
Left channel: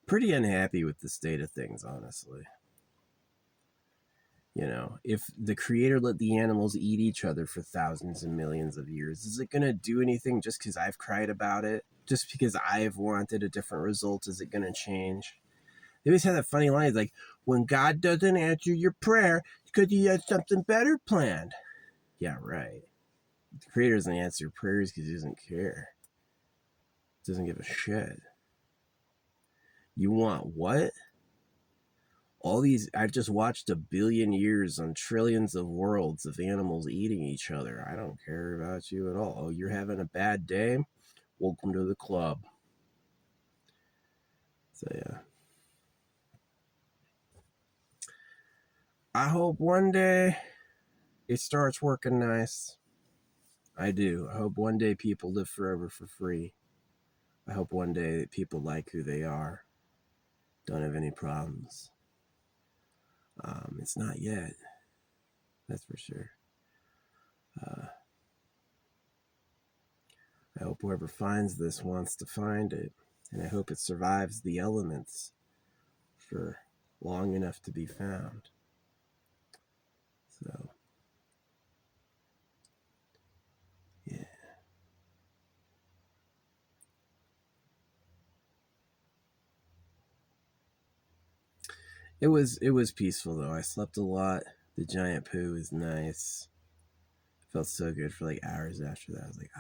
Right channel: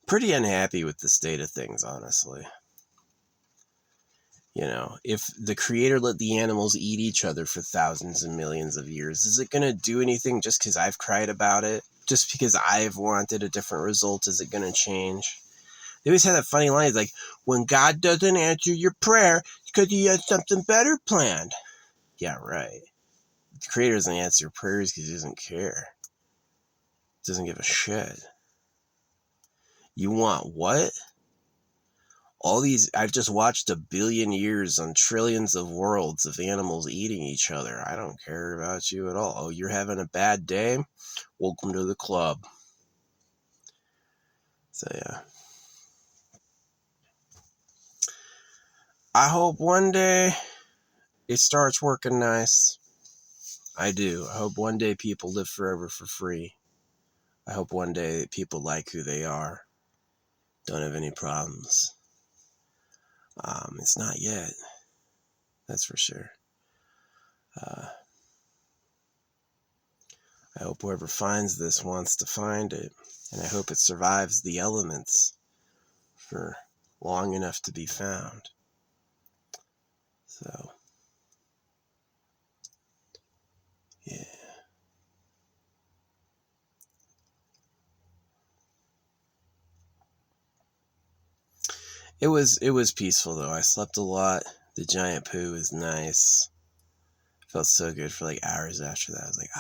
pretty unhappy with the state of things, honestly. If the creator let the animals eat each other for thousands and millions of years, is it going to do anything just because I've cried about it? Just because I've wanted a different result, is it going to change? They always have that funny line, like, when God doesn't answer your prayer, it's because he has something better planned. Yeah, right. The creator doesn't answer prayers because he doesn't care. Doesn't give a shit. You want what? I've just watched 1 billion years on trillions of worlds of animals eating each other. I don't care about you at all. Oh, you're having a bad day? Welcome to the club. So, yeah. I hope one day it starts working nice. I do. I hope one day people live forever for free. I hope one day people like who they are. Don't have any problems. It's not yet. That's for sure. I hope whoever finds this wants to find it, and I hope it survives the elements for long enough to be found. So, yeah. It was peaceful though. I slept a lot. The giant poo was nice. Felt so good for like hours after that. I was like,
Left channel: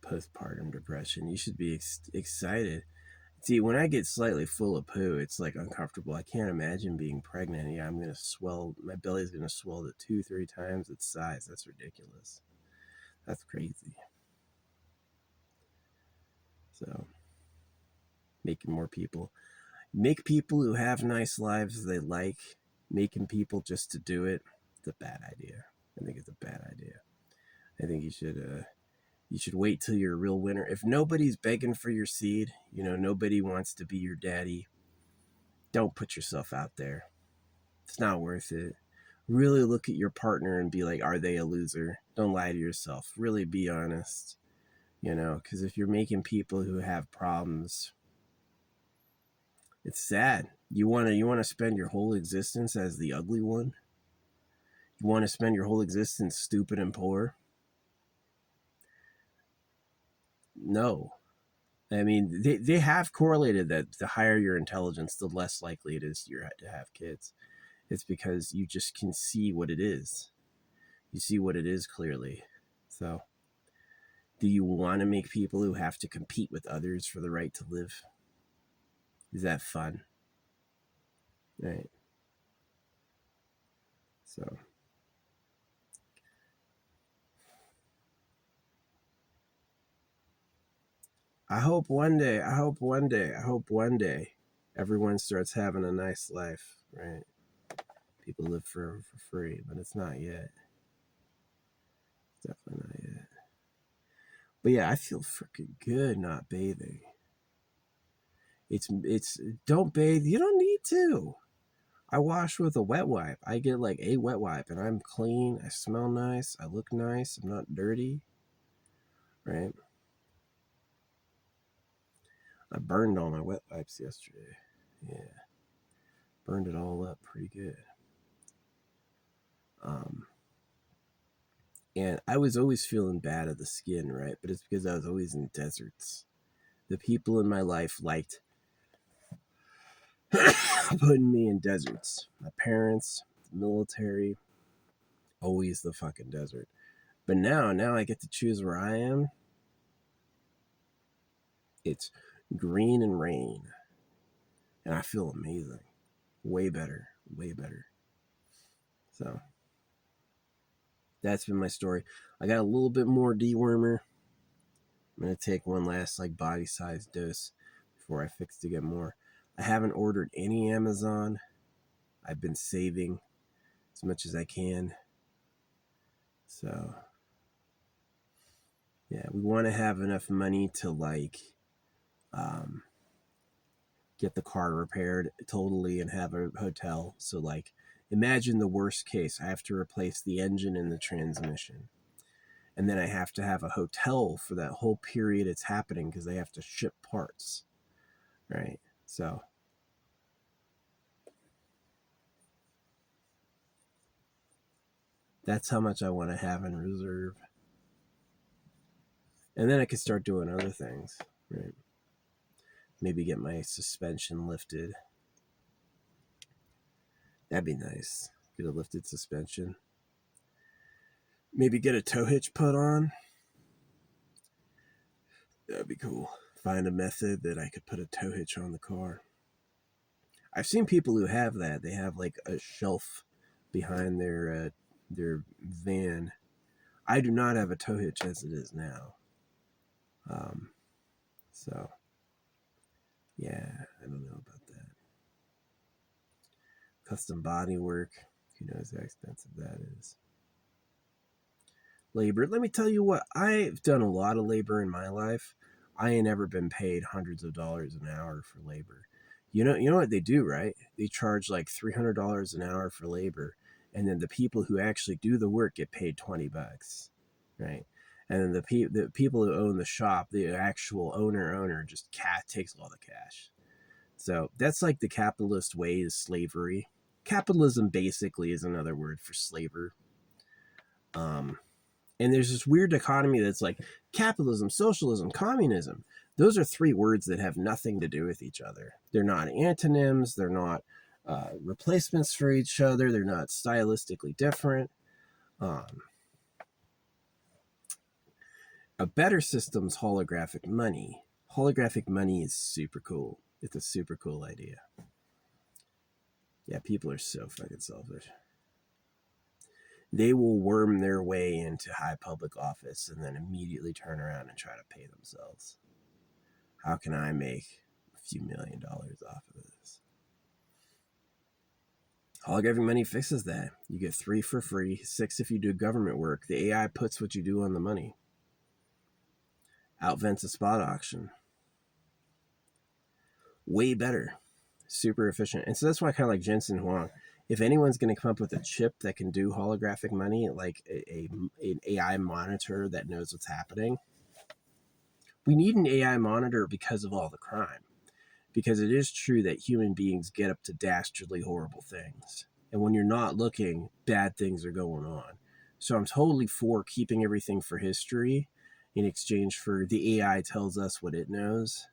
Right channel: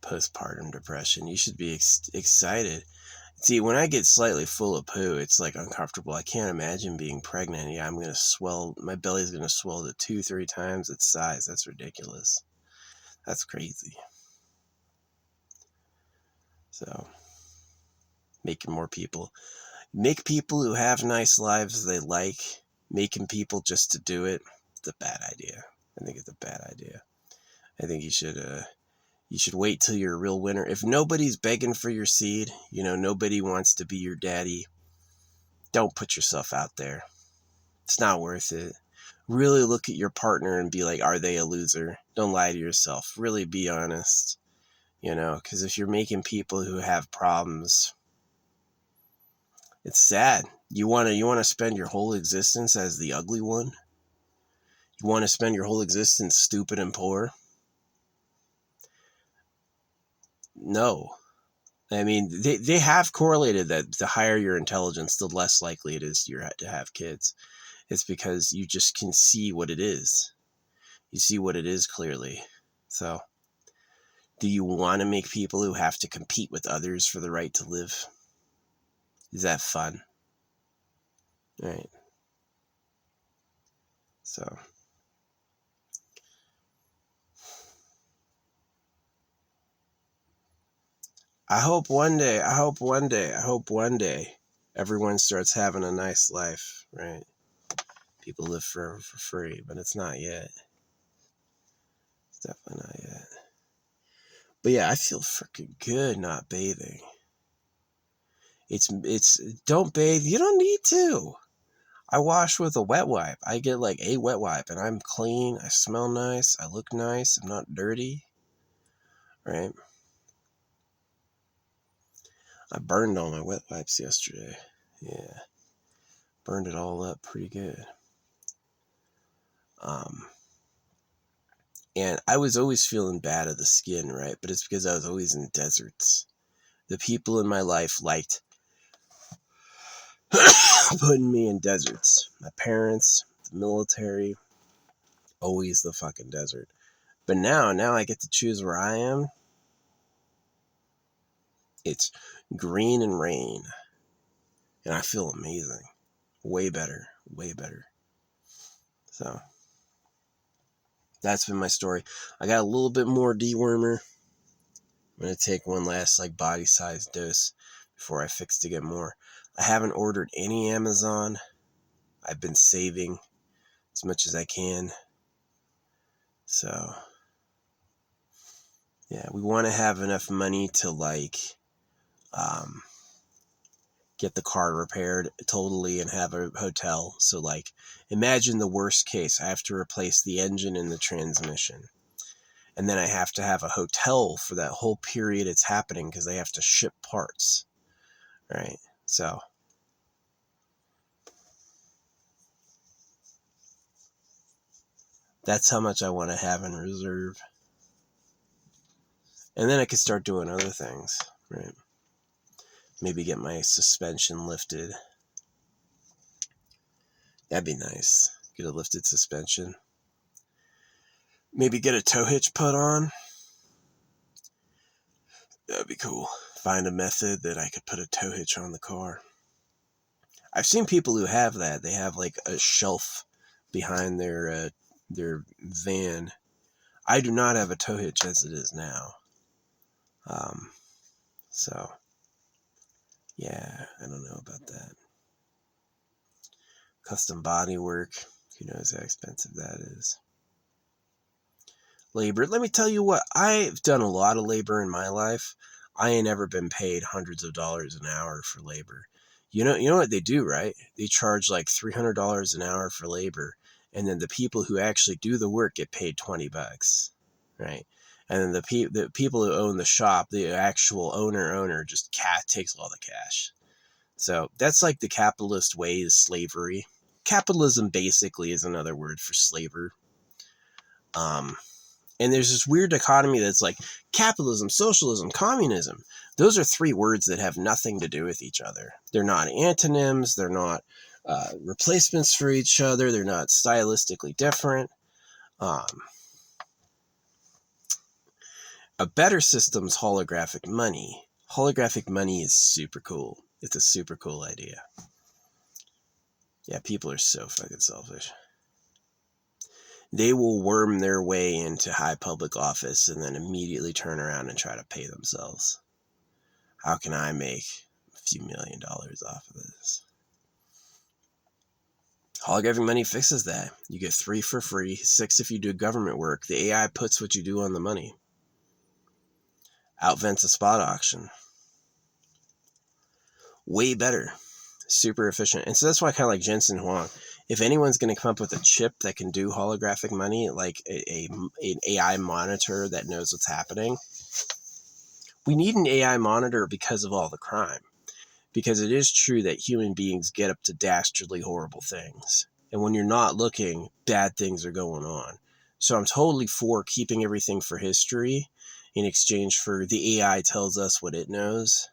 postpartum depression. You should be excited. See, when I get slightly full of poo, it's like uncomfortable. I can't imagine being pregnant. Yeah, I'm going to swell. My belly's going to swell to 2-3 times its size. That's ridiculous. That's crazy. So, make people who have nice lives they like, making people just to do it, it's a bad idea. I think it's a bad idea. I think you should wait till you're a real winner. If nobody's begging for your seed, nobody wants to be your daddy, don't put yourself out there. It's not worth it. Really look at your partner and be like, are they a loser? Don't lie to yourself. Really be honest. Because if you're making people who have problems, it's sad. You want to spend your whole existence as the ugly one? You want to spend your whole existence stupid and poor? No. I mean, they have correlated that the higher your intelligence, the less likely it is to have kids. It's because you just can see what it is. You see what it is clearly. So, do you want to make people who have to compete with others for the right to live? Is that fun? Right. So, I hope one day everyone starts having a nice life, right? People live forever for free, but it's not yet. It's definitely not yet. But yeah, I feel freaking good not bathing. It's don't bathe. You don't need to. I wash with a wet wipe. I get like a wet wipe and I'm clean. I smell nice. I look nice. I'm not dirty. Right? I burned all my wet wipes yesterday. Yeah. Burned it all up pretty good. And I was always feeling bad of the skin, right? But it's because I was always in deserts. The people in my life liked putting me in deserts. My parents, the military, always the fucking desert. But now I get to choose where I am. It's green and rain. And I feel amazing. Way better. Way better. So, that's been my story. I got a little bit more dewormer. I'm going to take one last like body-sized dose before I fix to get more. I haven't ordered any Amazon. I've been saving as much as I can. So, yeah, we want to have enough money to like get the car repaired totally and have a hotel. So like, imagine the worst case. I have to replace the engine and the transmission. And then I have to have a hotel for that whole period it's happening because they have to ship parts. Right? So, That's how much I want to have in reserve. And then I could start doing other things, right? Maybe get my suspension lifted. That'd be nice. Get a lifted suspension. Maybe get a tow hitch put on. That'd be cool. Find a method that I could put a tow hitch on the car. I've seen people who have that. They have like a shelf behind their van. I do not have a tow hitch as it is now. So yeah, I don't know about that. Custom body work. Who knows how expensive that is. Labor. Let me tell you what, I've done a lot of labor in my life. I ain't ever been paid hundreds of dollars an hour for labor. You know what they do, right? They charge like $300 an hour for labor, and then the people who actually do the work get paid $20, right? And then the people who own the shop, the actual owner just takes all the cash. So that's like the capitalist way is slavery. Capitalism basically is another word for slaver. And there's this weird dichotomy that's like capitalism, socialism, communism. Those are three words that have nothing to do with each other. They're not antonyms. They're not replacements for each other. They're not stylistically different. A better system's holographic money. Holographic money is super cool. It's a super cool idea. Yeah, people are so fucking selfish. They will worm their way into high public office and then immediately turn around and try to pay themselves. How can I make a few $1 million off of this? Holographic money fixes that. You get 3 for free, 6 if you do government work. The AI puts what you do on the money. Outvents a spot auction. Way better. Super efficient. And so that's why I kind of like Jensen Huang. If anyone's going to come up with a chip that can do holographic money, like an AI monitor that knows what's happening, we need an AI monitor because of all the crime. Because it is true that human beings get up to dastardly horrible things. And when you're not looking, bad things are going on. So I'm totally for keeping everything for history in exchange for the AI tells us what it knows.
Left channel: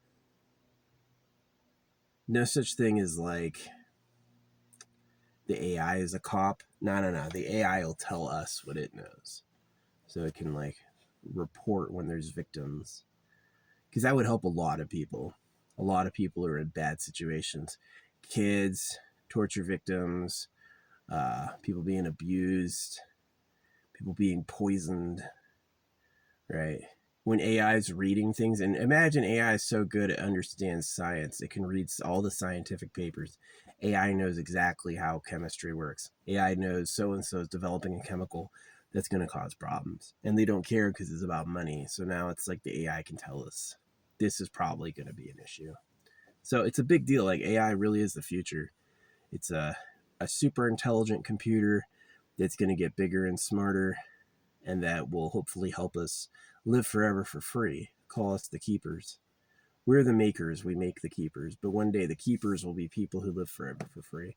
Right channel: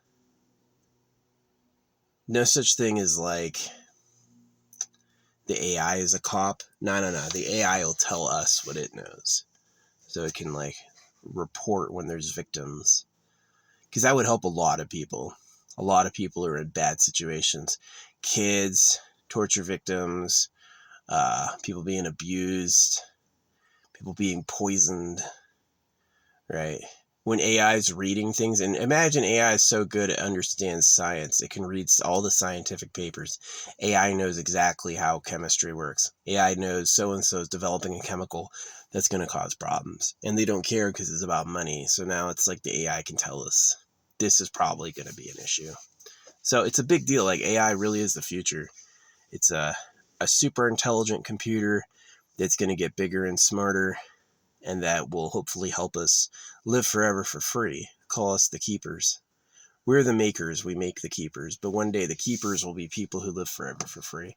No such thing as like the AI is a cop. No. The AI will tell us what it knows. So it can like report when there's victims. Because that would help a lot of people. A lot of people are in bad situations. Kids, torture victims, people being abused, people being poisoned, right? When AI is reading things, and imagine AI is so good it understands science. It can read all the scientific papers. AI knows exactly how chemistry works. AI knows so-and-so is developing a chemical that's going to cause problems. And they don't care because it's about money. So now it's like the AI can tell us this is probably going to be an issue. So it's a big deal. Like AI really is the future. It's a super intelligent computer that's going to get bigger and smarter, and that will hopefully help us live forever for free. Call us the keepers. We're the makers, we make the keepers, but one day the keepers will be people who live forever for free.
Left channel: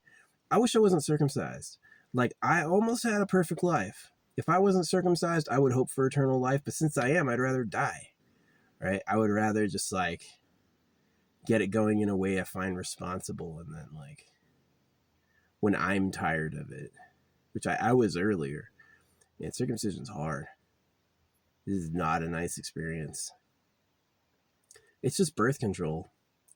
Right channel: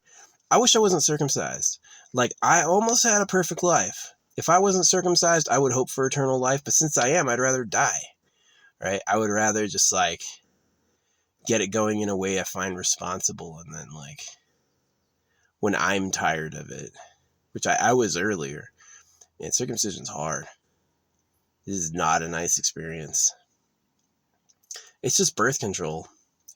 I wish I wasn't circumcised. Like, I almost had a perfect life. If I wasn't circumcised, I would hope for eternal life, but since I am, I'd rather die, right? I would rather just, like, get it going in a way I find responsible, and then, like, when I'm tired of it, which I was earlier, man, circumcision's hard. This is not a nice experience. It's just birth control.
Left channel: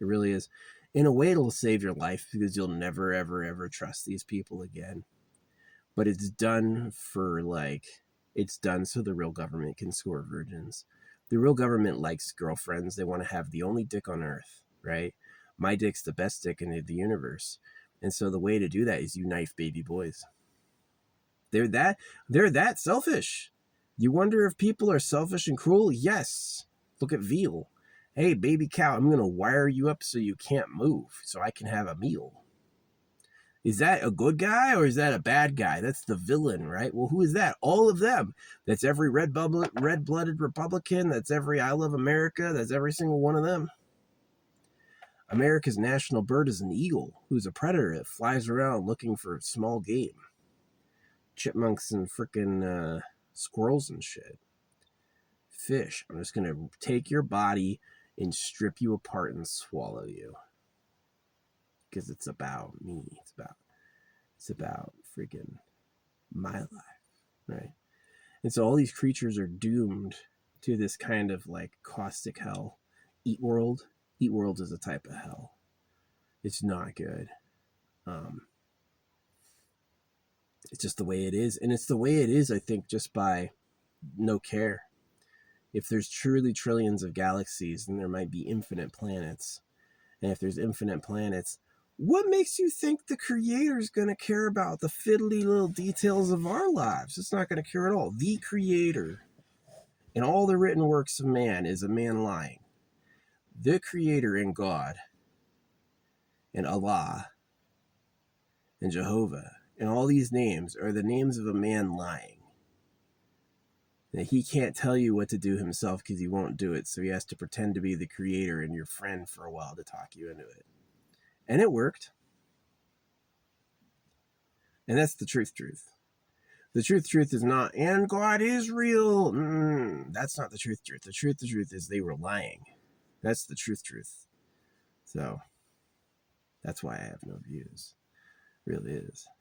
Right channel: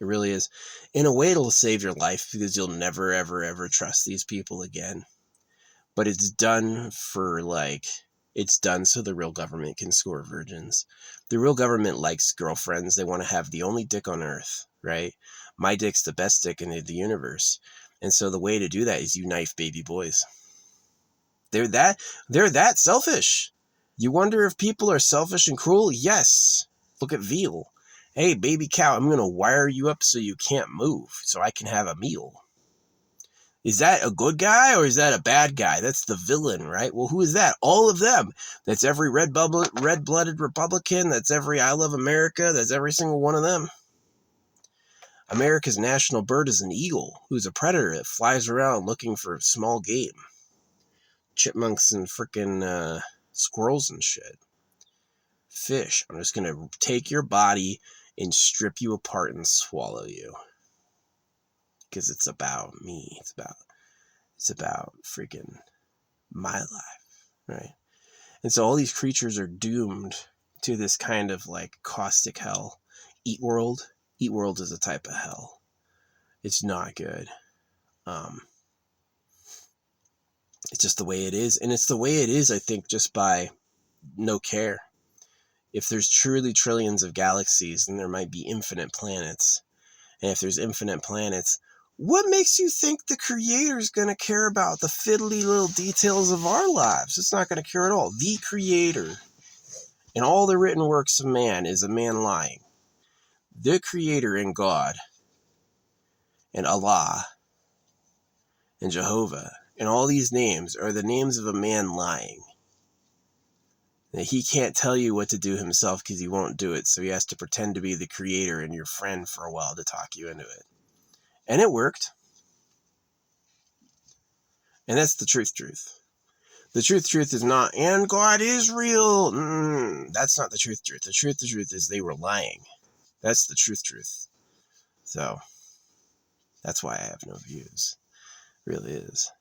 It really is. In a way, it'll save your life because you'll never, ever, ever trust these people again. But it's done for, like, it's done so the real government can score virgins. The real government likes girlfriends. They want to have the only dick on earth, right? My dick's the best dick in the universe. And so the way to do that is you knife baby boys. They're that selfish. You wonder if people are selfish and cruel? Yes. Look at veal. Hey, baby cow, I'm going to wire you up so you can't move so I can have a meal. Is that a good guy or is that a bad guy? That's the villain, right? Well, who is that? All of them. That's every red-blooded Republican. That's every I Love America. That's every single one of them. America's national bird is an eagle, who's a predator that flies around looking for small game. chipmunks and freaking squirrels and shit. Fish, I'm just gonna take your body and strip you apart and swallow you. Because it's about me. It's about freaking my life, right? And so all these creatures are doomed to this kind of like caustic hell. Eat World. Eat World is a type of hell. It's not good. It's just the way it is. And it's the way it is, I think, just by no care. If there's truly trillions of galaxies, then there might be infinite planets. And if there's infinite planets, what makes you think the creator is going to care about the fiddly little details of our lives? It's not going to care at all. The creator in all the written works of man is a man lying. The creator and God and Allah and Jehovah and all these names are the names of a man lying. That he can't tell you what to do himself because he won't do it, so he has to pretend to be the creator and your friend for a while to talk you into it. And it worked. And that's the truth. The truth is not, and God is real. That's not the truth. The truth is they were lying. That's the truth. So, that's why I have no views. It really is.